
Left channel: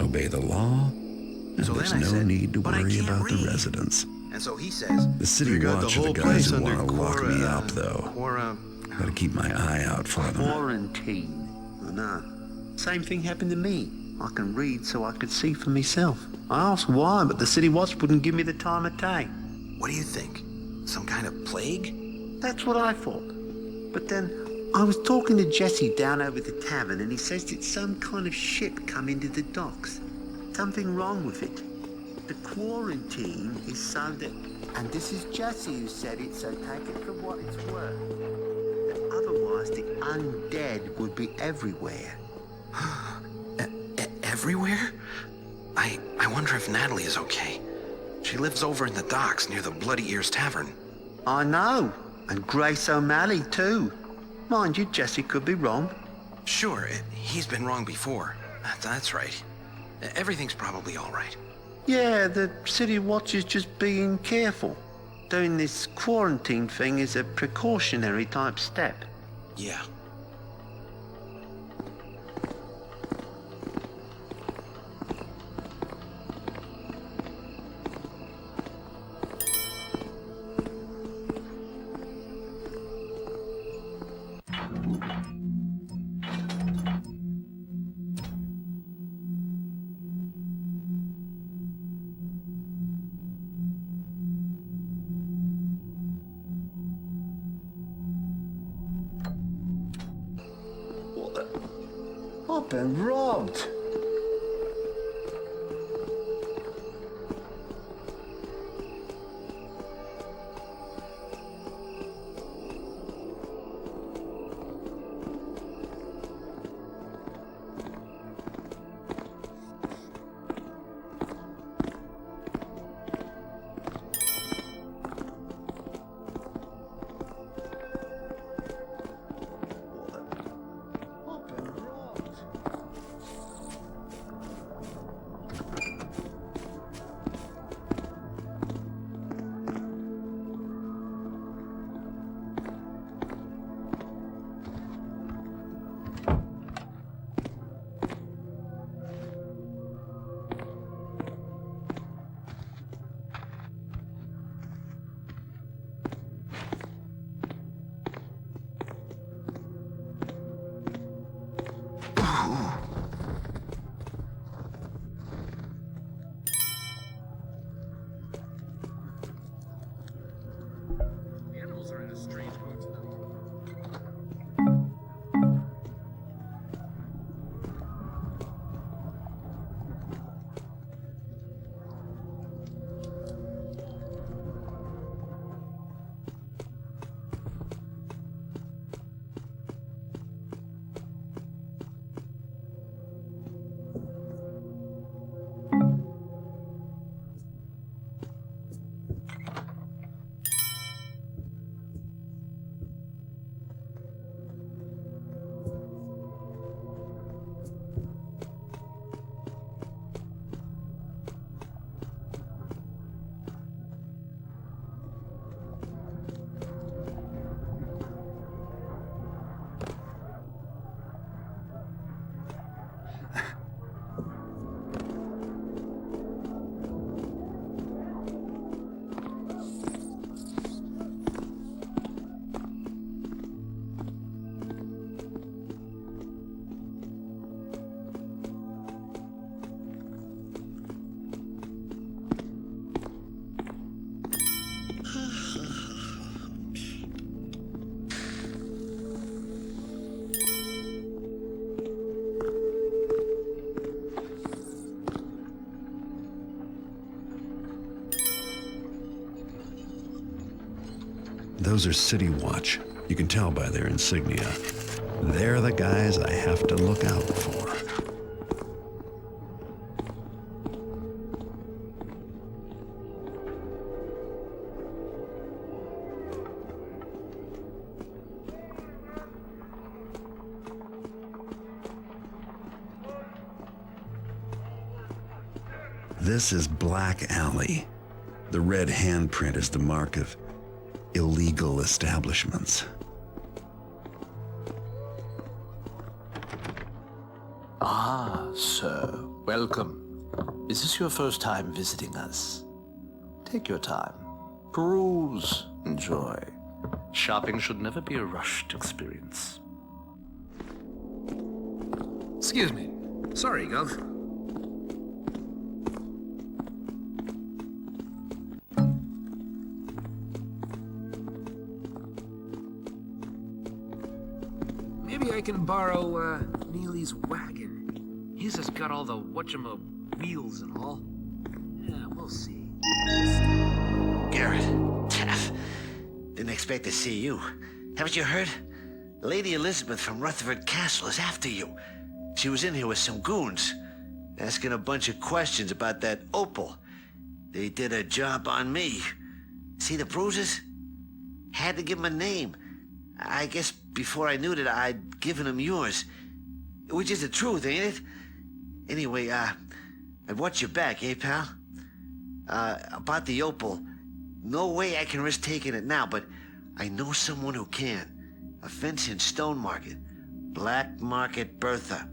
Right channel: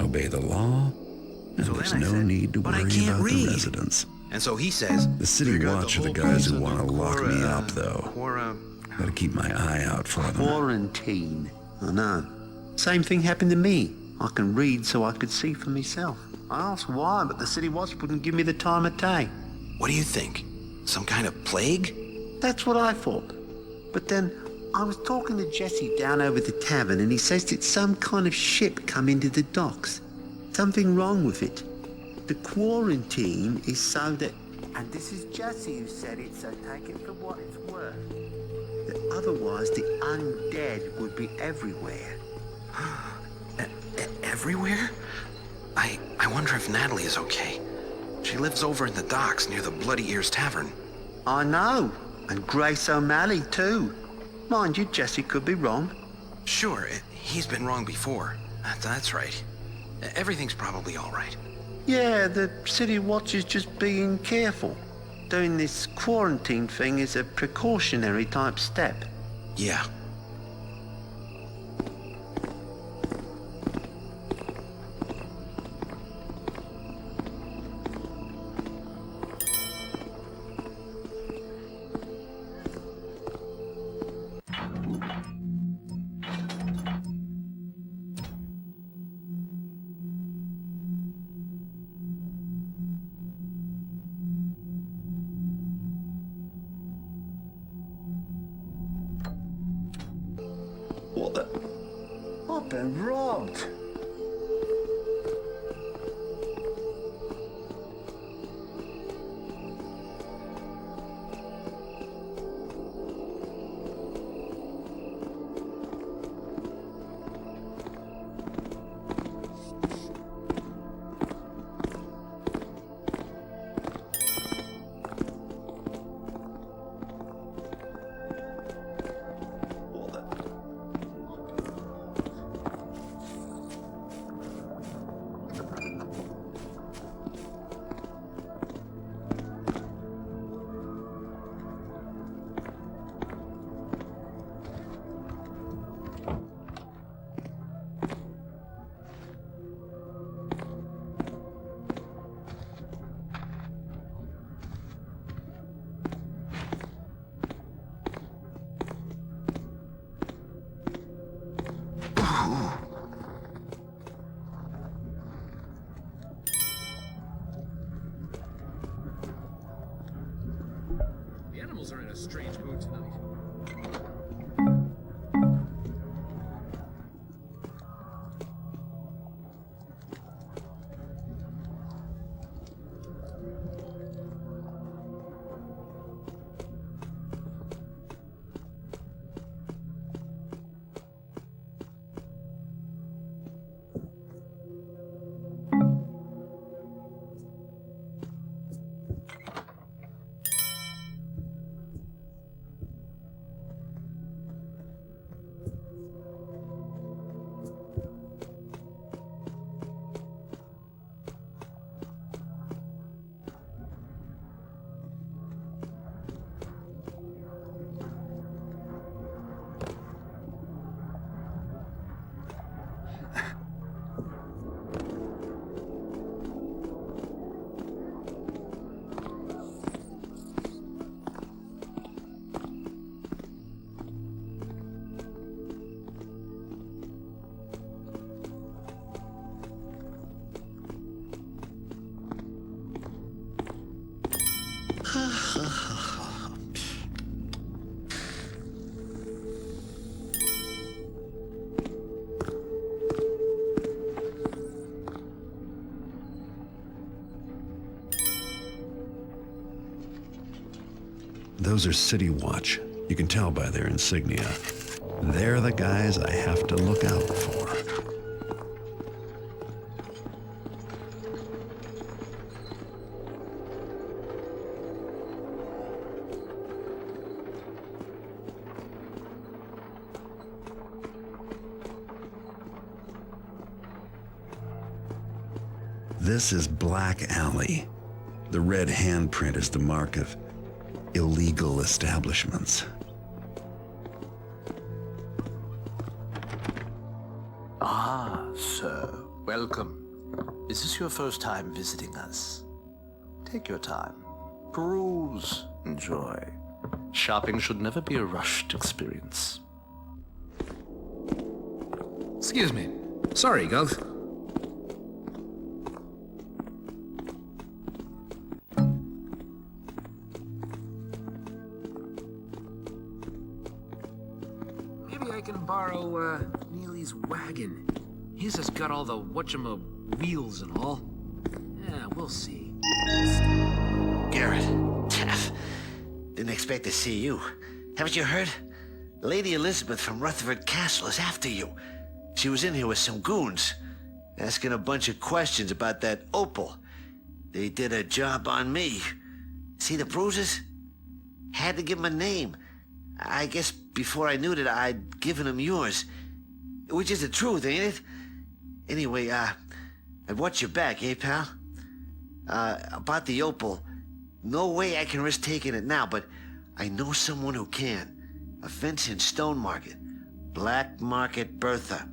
Obey the law, and So there's then I no said, need to "But I worry can't about the read." residents. And so he says, The city We got the watch are the whole guys who place want to under lock me up, though. Gotta keep my eye out for them. Quarantine. I know. Same thing happened to me. I can read so I could see for myself. I asked why, but the city watch wouldn't give me the time of day. what do you think? Some kind of plague? That's what I thought. But then I was talking to Jesse down over the tavern, and he says it's some kind of ship come into the docks. Something wrong with it. The quarantine is so that, and this is Jesse who said it, so take it for what it's worth, that otherwise the undead would be everywhere. Everywhere? I wonder if Natalie is okay. She lives over in the docks near the Bloody Ears Tavern. I know, and Grace O'Malley too. Mind you, Jesse could be wrong. Sure, he's been wrong before. That's right. Everything's probably all right. Yeah, the city watch is just being careful. Doing this quarantine thing is a precautionary type step. Yeah. I've been robbed. The animals are in a strange mood tonight. Those are City Watch. You can tell by their insignia. They're the guys I have to look out for. This is Black Alley. The red handprint is the mark of illegal establishments. Ah, sir. Welcome. Is this your first time visiting us? Take your time. Peruse. Enjoy. Shopping should never be a rushed experience. Excuse me. Sorry, Gov. Maybe I can borrow, Neely's wagon. His has got all the wheels and all. Yeah, we'll see. Garrett. Didn't expect to see you. Haven't you heard? Lady Elizabeth from Rutherford Castle is after you. She was in here with some goons, asking a bunch of questions about that opal. They did a job on me. See the bruises? Had to give 'em a name. I guess before I knew that I'd given 'em yours. Which is the truth, ain't it? Anyway, I'd watch your back, eh, pal? About the opal, no way I can risk taking it now, but I know someone who can. A fence in Stone Market. Black Market Bertha.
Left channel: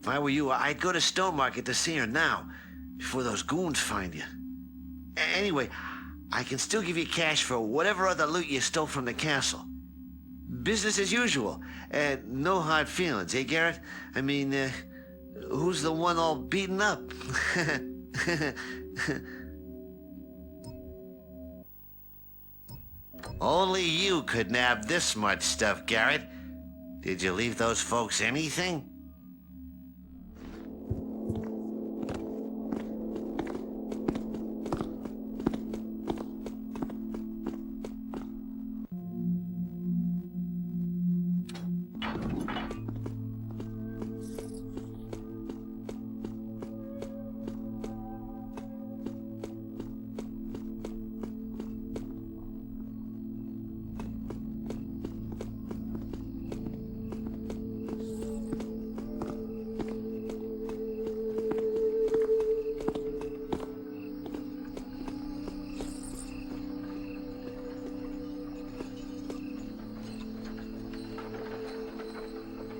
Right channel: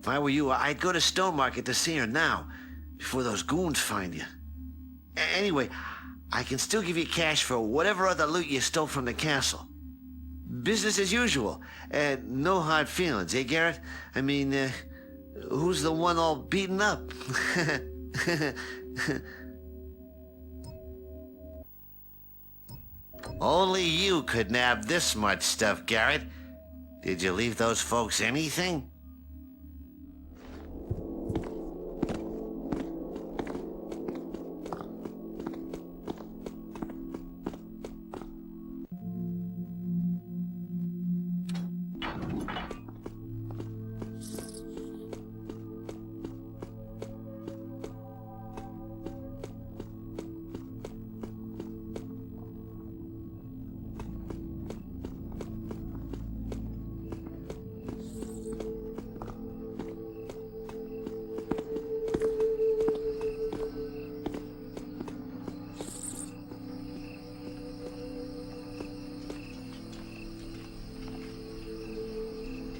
If I were you, I'd go to Stone Market to see her now, before those goons find you. Anyway, I can still give you cash for whatever other loot you stole from the castle. Business as usual. No hard feelings, eh, Garrett? I mean, who's the one all beaten up? Only you could nab this much stuff, Garrett. Did you leave those folks anything?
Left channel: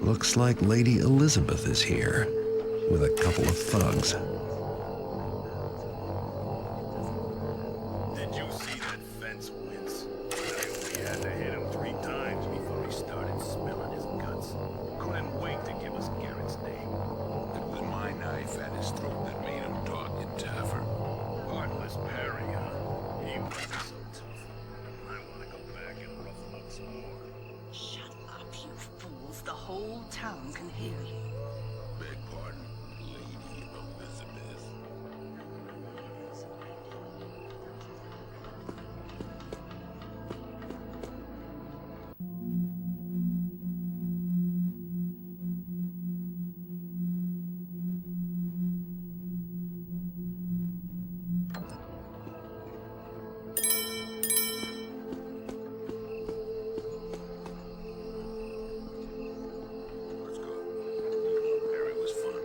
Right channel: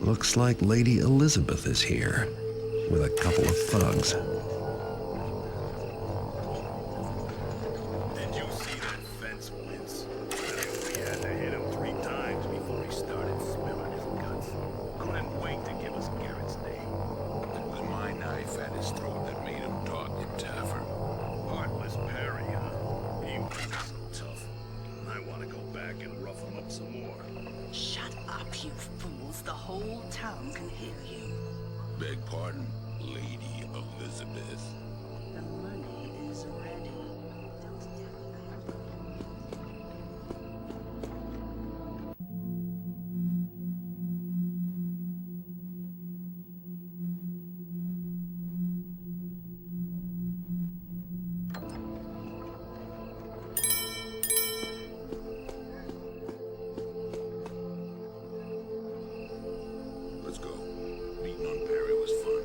Looks like Lady Elizabeth is here, with a couple of thugs. Did you see that fence, Vince? We had to hit him 3 times before he started spilling his guts. Couldn't wait to give us Garrett's name. With my knife at his throat that made him talk in Taffer. Heartless Perry, huh? He was so tough. I want to go back and rough him up some more. Shut up, you fools. The whole town can hear you. Beg pardon, Lady Elizabeth. The money is ready. Let's go. Meeting on Perry was fun,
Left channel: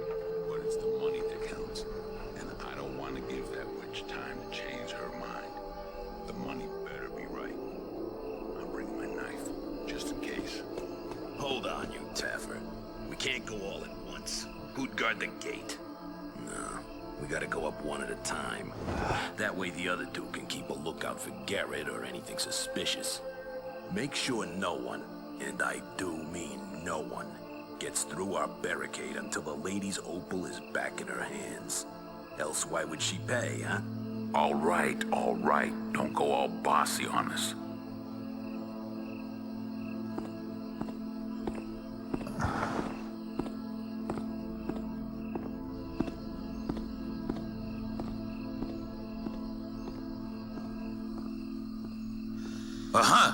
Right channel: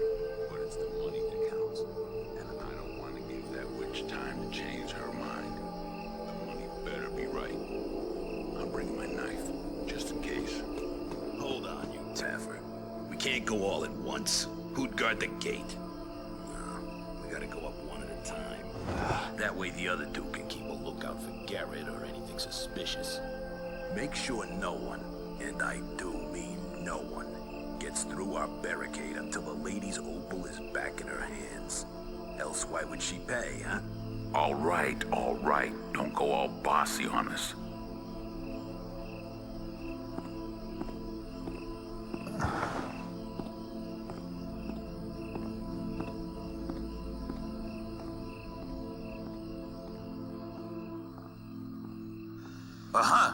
but it's the money that counts. And I don't want to give that witch time to change her mind. The money better be right. I'll bring my knife, just in case. Hold on, you Taffer. We can't go all at once. Who'd guard the gate? No, we gotta go up one at a time. That way the other two can keep a lookout for Garrett or anything suspicious. Make sure no one, and I do mean no one, gets through our barricade until the lady's opal is back in her hands. Else why would she pay, huh? All right. Don't go all bossy on us. Uh-huh.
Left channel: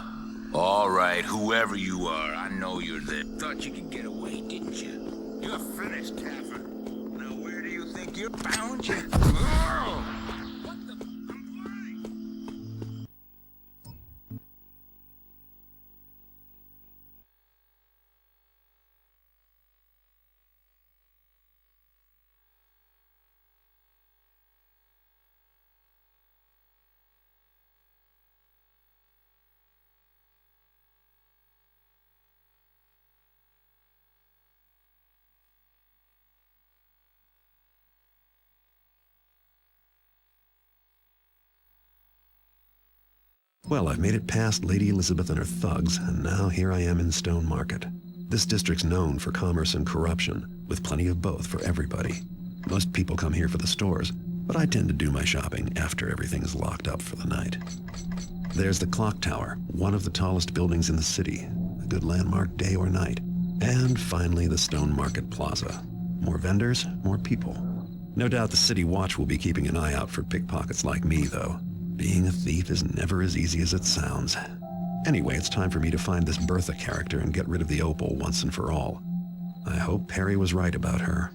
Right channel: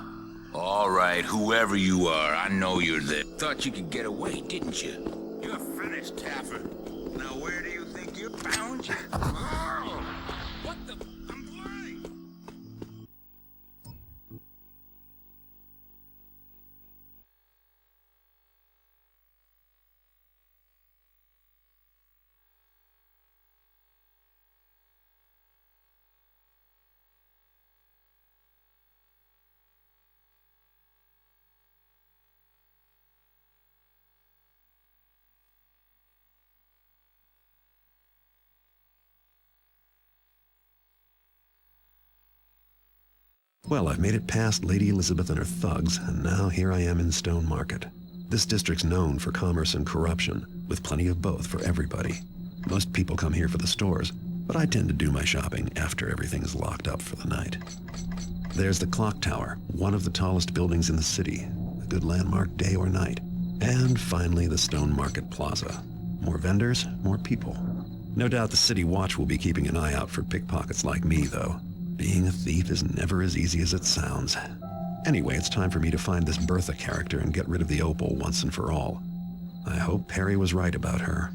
All right, whoever you are, I know you're there. Thought you could get away, didn't you? You're finished, Taffer. Now where do you think you're bound? What the? I'm blind! Well, I've made it past Lady Elizabeth and her thugs, and now here I am in Stone Market. This district's known for commerce and corruption, with plenty of both for everybody. Most people come here for the stores, but I tend to do my shopping after everything's locked up for the night. There's the clock tower, one of the tallest buildings in the city, a good landmark day or night. And finally, the Stone Market Plaza. More vendors, more people. No doubt the city watch will be keeping an eye out for pickpockets like me, though. Being a thief is never as easy as it sounds. Anyway, it's time for me to find this Bertha character and get rid of the opal once and for all. I hope Perry was right about her.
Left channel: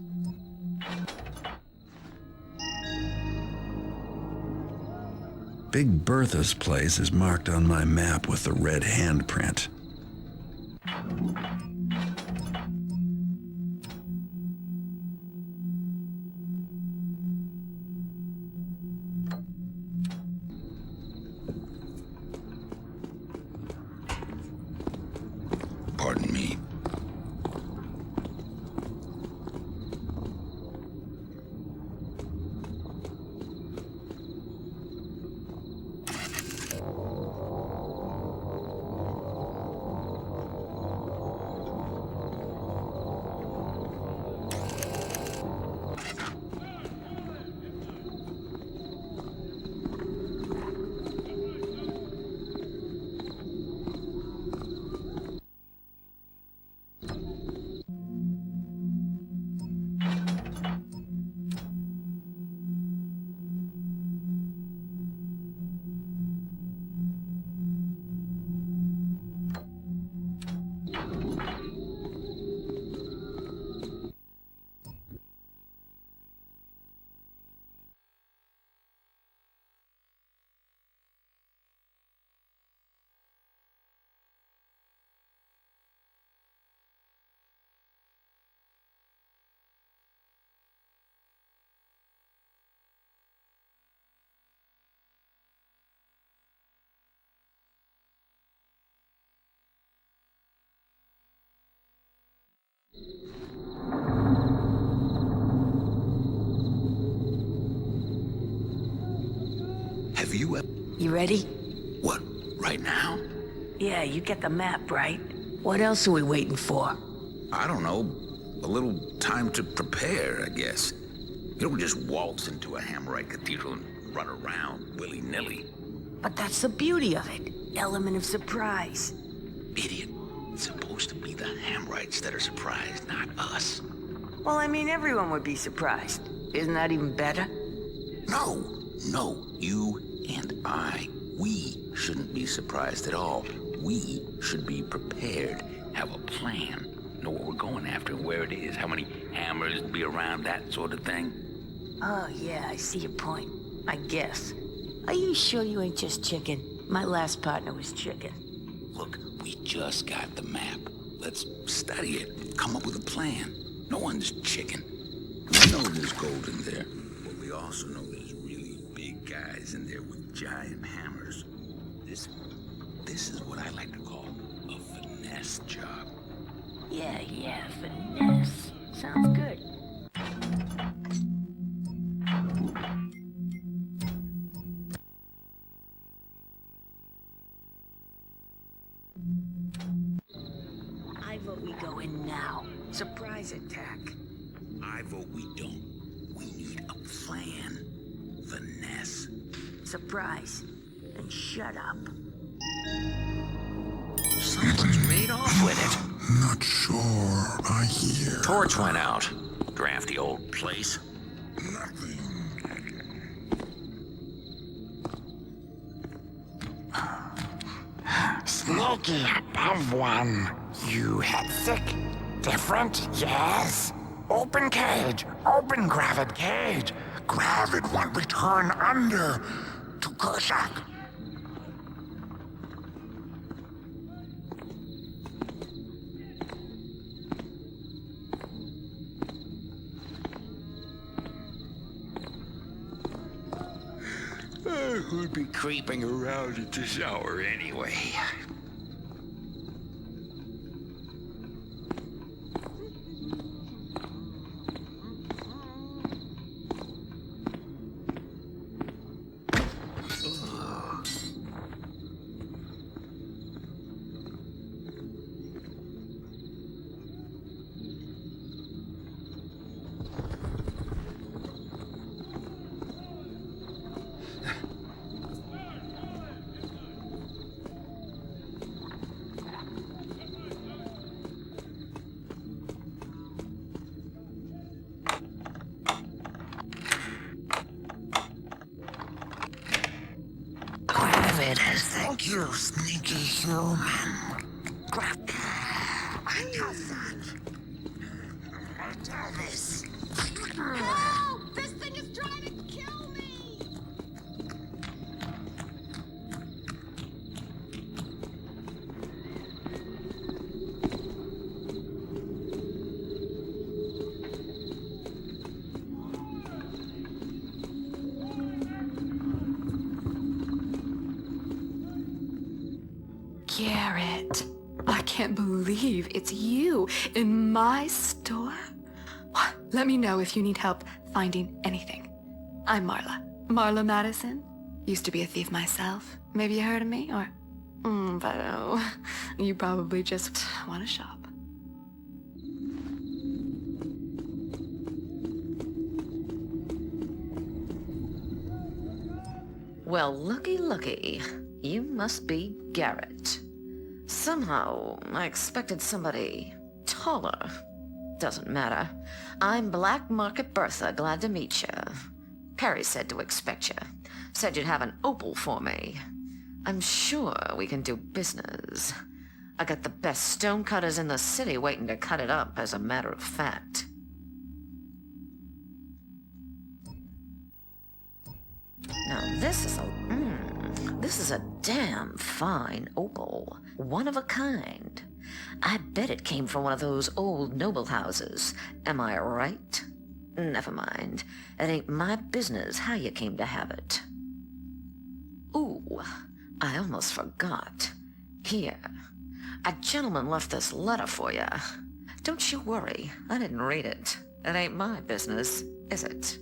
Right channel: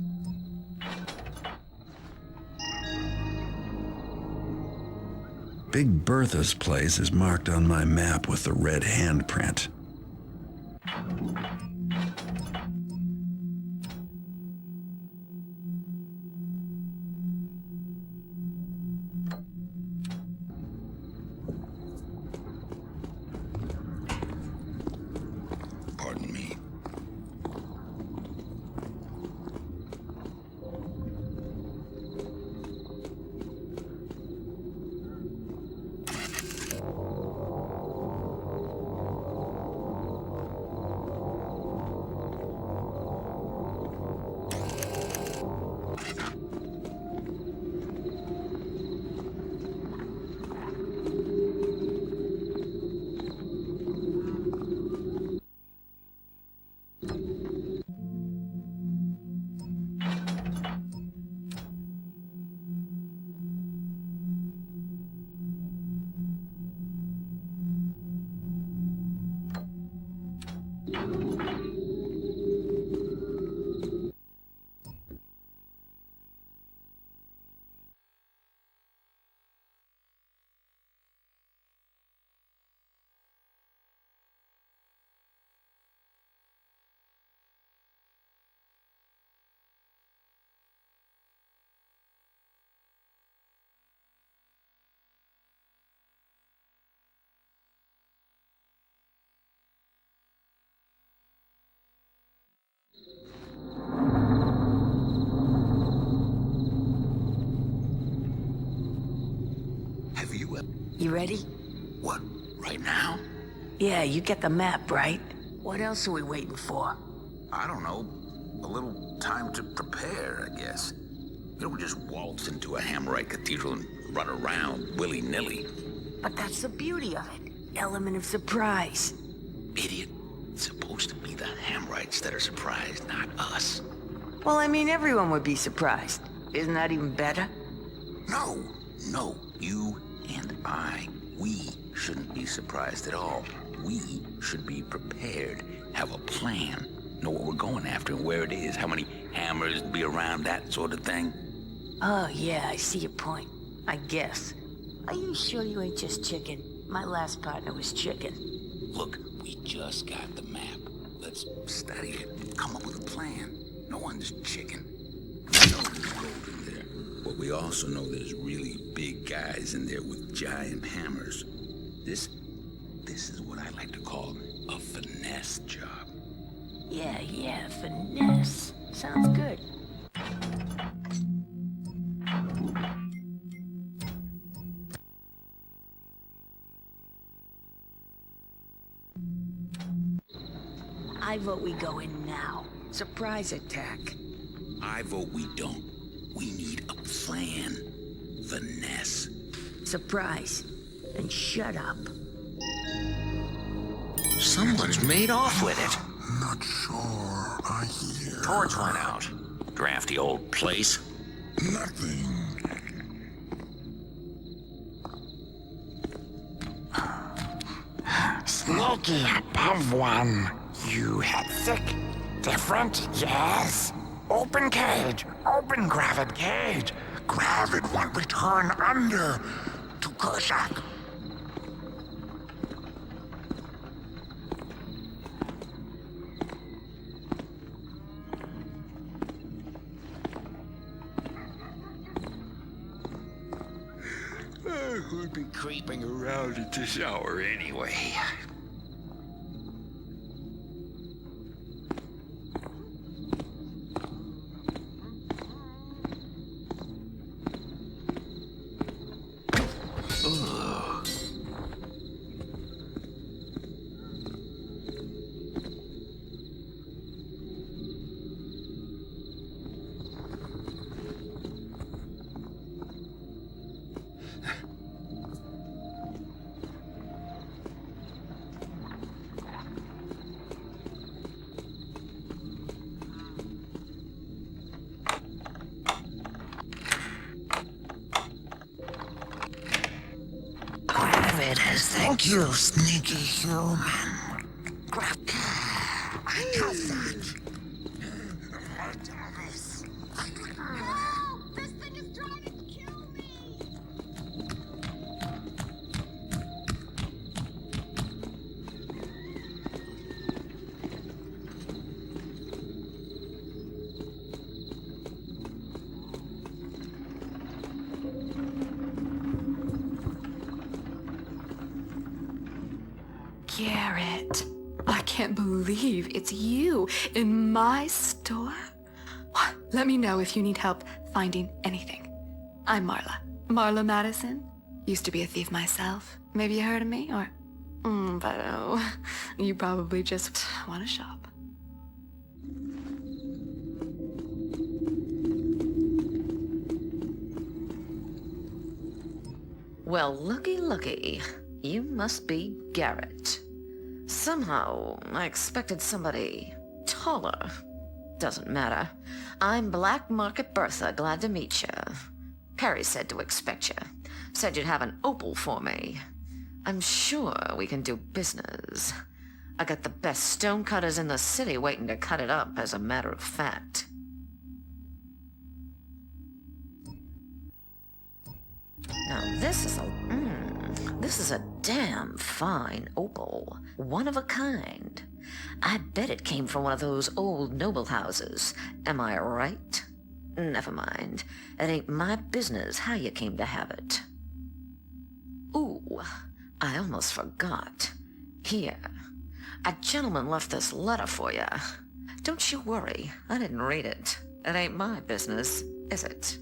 Big Bertha's place is marked on my map with the red handprint. Pardon me. Have you ever... You ready? What, right now? Yeah, you get the map, right? What else are we waiting for? I don't know. A little time to prepare, I guess. You don't just waltz into a Hammerite cathedral and run around willy-nilly. But that's the beauty of it. Element of surprise. Idiot. It's supposed to be the Hammerites that are surprised, not us. Well, I mean, everyone would be surprised. Isn't that even better? No, you and I, we shouldn't be surprised at all. We should be prepared, have a plan, know what we're going after and where it is, how many hammers to be around, that sort of thing. Oh, yeah, I see your point. I guess. Are you sure you ain't just chicken? My last partner was chicken. Look, we just got the map. Let's study it, come up with a plan. No one's chicken. We know there's gold in there, but we also know there's really big guys in there with giant hammers. This is what I like to call a finesse job. Yeah, finesse. Sounds good. I vote we go in now. Surprise attack. I vote we don't. We need a plan. Finesse. Surprise. And shut up. Someone's made off with it. Not sure. I hear. Torch went out. Drafty old place. Nothing. Sneaky above one. You had sick. Different, yes. Open cage. Open gravid cage. Gravid one return under. To Kershak. Who'd be creeping around at this hour anyway? it as thank you, sneaky human. I got that. This thing is trying to kill me! Garrett, I can't believe it's you in my store. Let me know if you need help finding anything. I'm Marla. Marla Madison. Used to be a thief myself. Maybe you heard of me, or... but oh, you probably just want to shop. Well, looky. You must be Garrett. Somehow, I expected somebody taller. Doesn't matter. I'm Black Market Bertha, glad to meet you. Perry said to expect you. Said you'd have an opal for me. I'm sure we can do business. I got the best stonecutters in the city waiting to cut it up, as a matter of fact. Now this is a damn fine opal. One of a kind. I bet it came from one of those old noble houses. Am I right? Never mind. It ain't my business how you came to have it. Ooh, I almost forgot. Here. A gentleman left this letter for you. Don't you worry, I didn't read it. It ain't my business, is it?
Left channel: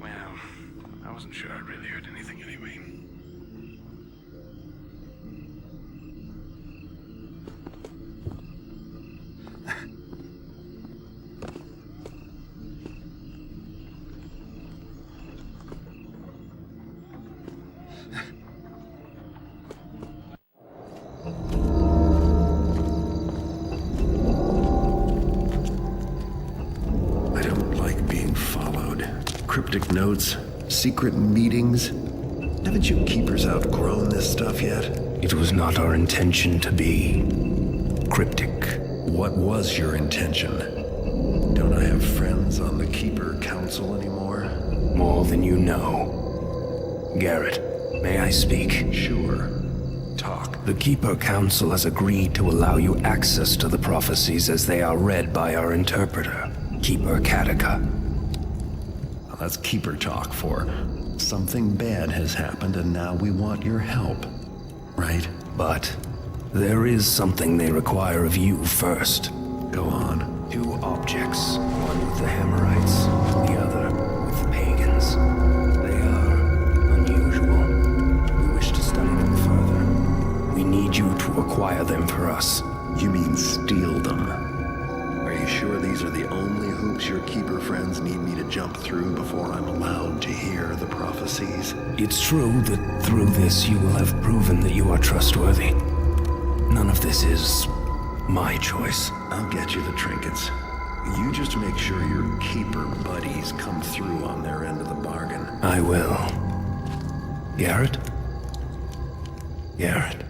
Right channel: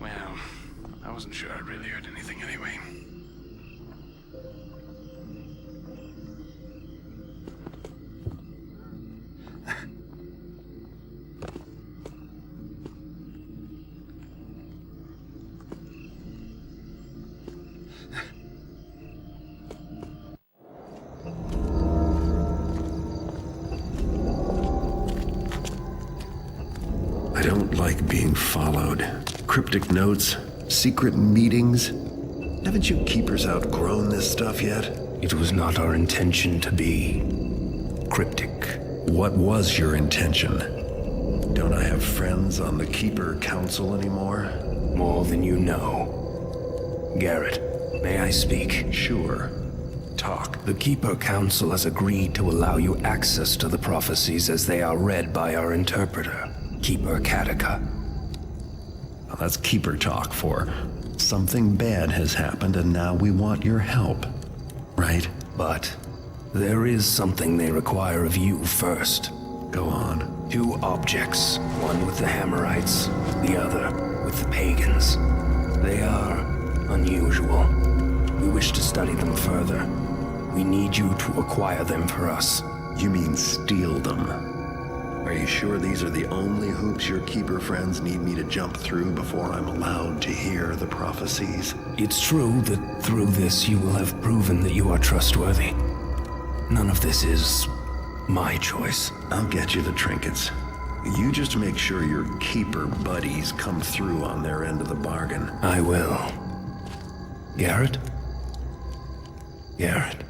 Well, I wasn't sure I really heard anything anyway. I don't like being followed. Cryptic notes, secret meetings. Haven't you keepers outgrown this stuff yet? It was not our intention to be cryptic. What was your intention? Don't I have friends on the Keeper Council anymore? More than you know. Garrett, may I speak? Sure. Talk. The Keeper Council has agreed to allow you access to the prophecies as they are read by our interpreter, Keeper Katika. Well, that's Keeper talk for something bad has happened and now we want your help. Right? But There is something they require of you first. Go on. 2 objects, one with the Hammerites, the other with the pagans. They are unusual. We wish to study them further. We need you to acquire them for us. You mean steal them? Are you sure these are the only hoops your keeper friends need me to jump through before I'm allowed to hear the prophecies? It's true that through this you will have proven that you are trustworthy. None of this is my choice. I'll get you the trinkets. You just make sure your keeper buddies come through on their end of the bargain. I will. Garrett? Garrett.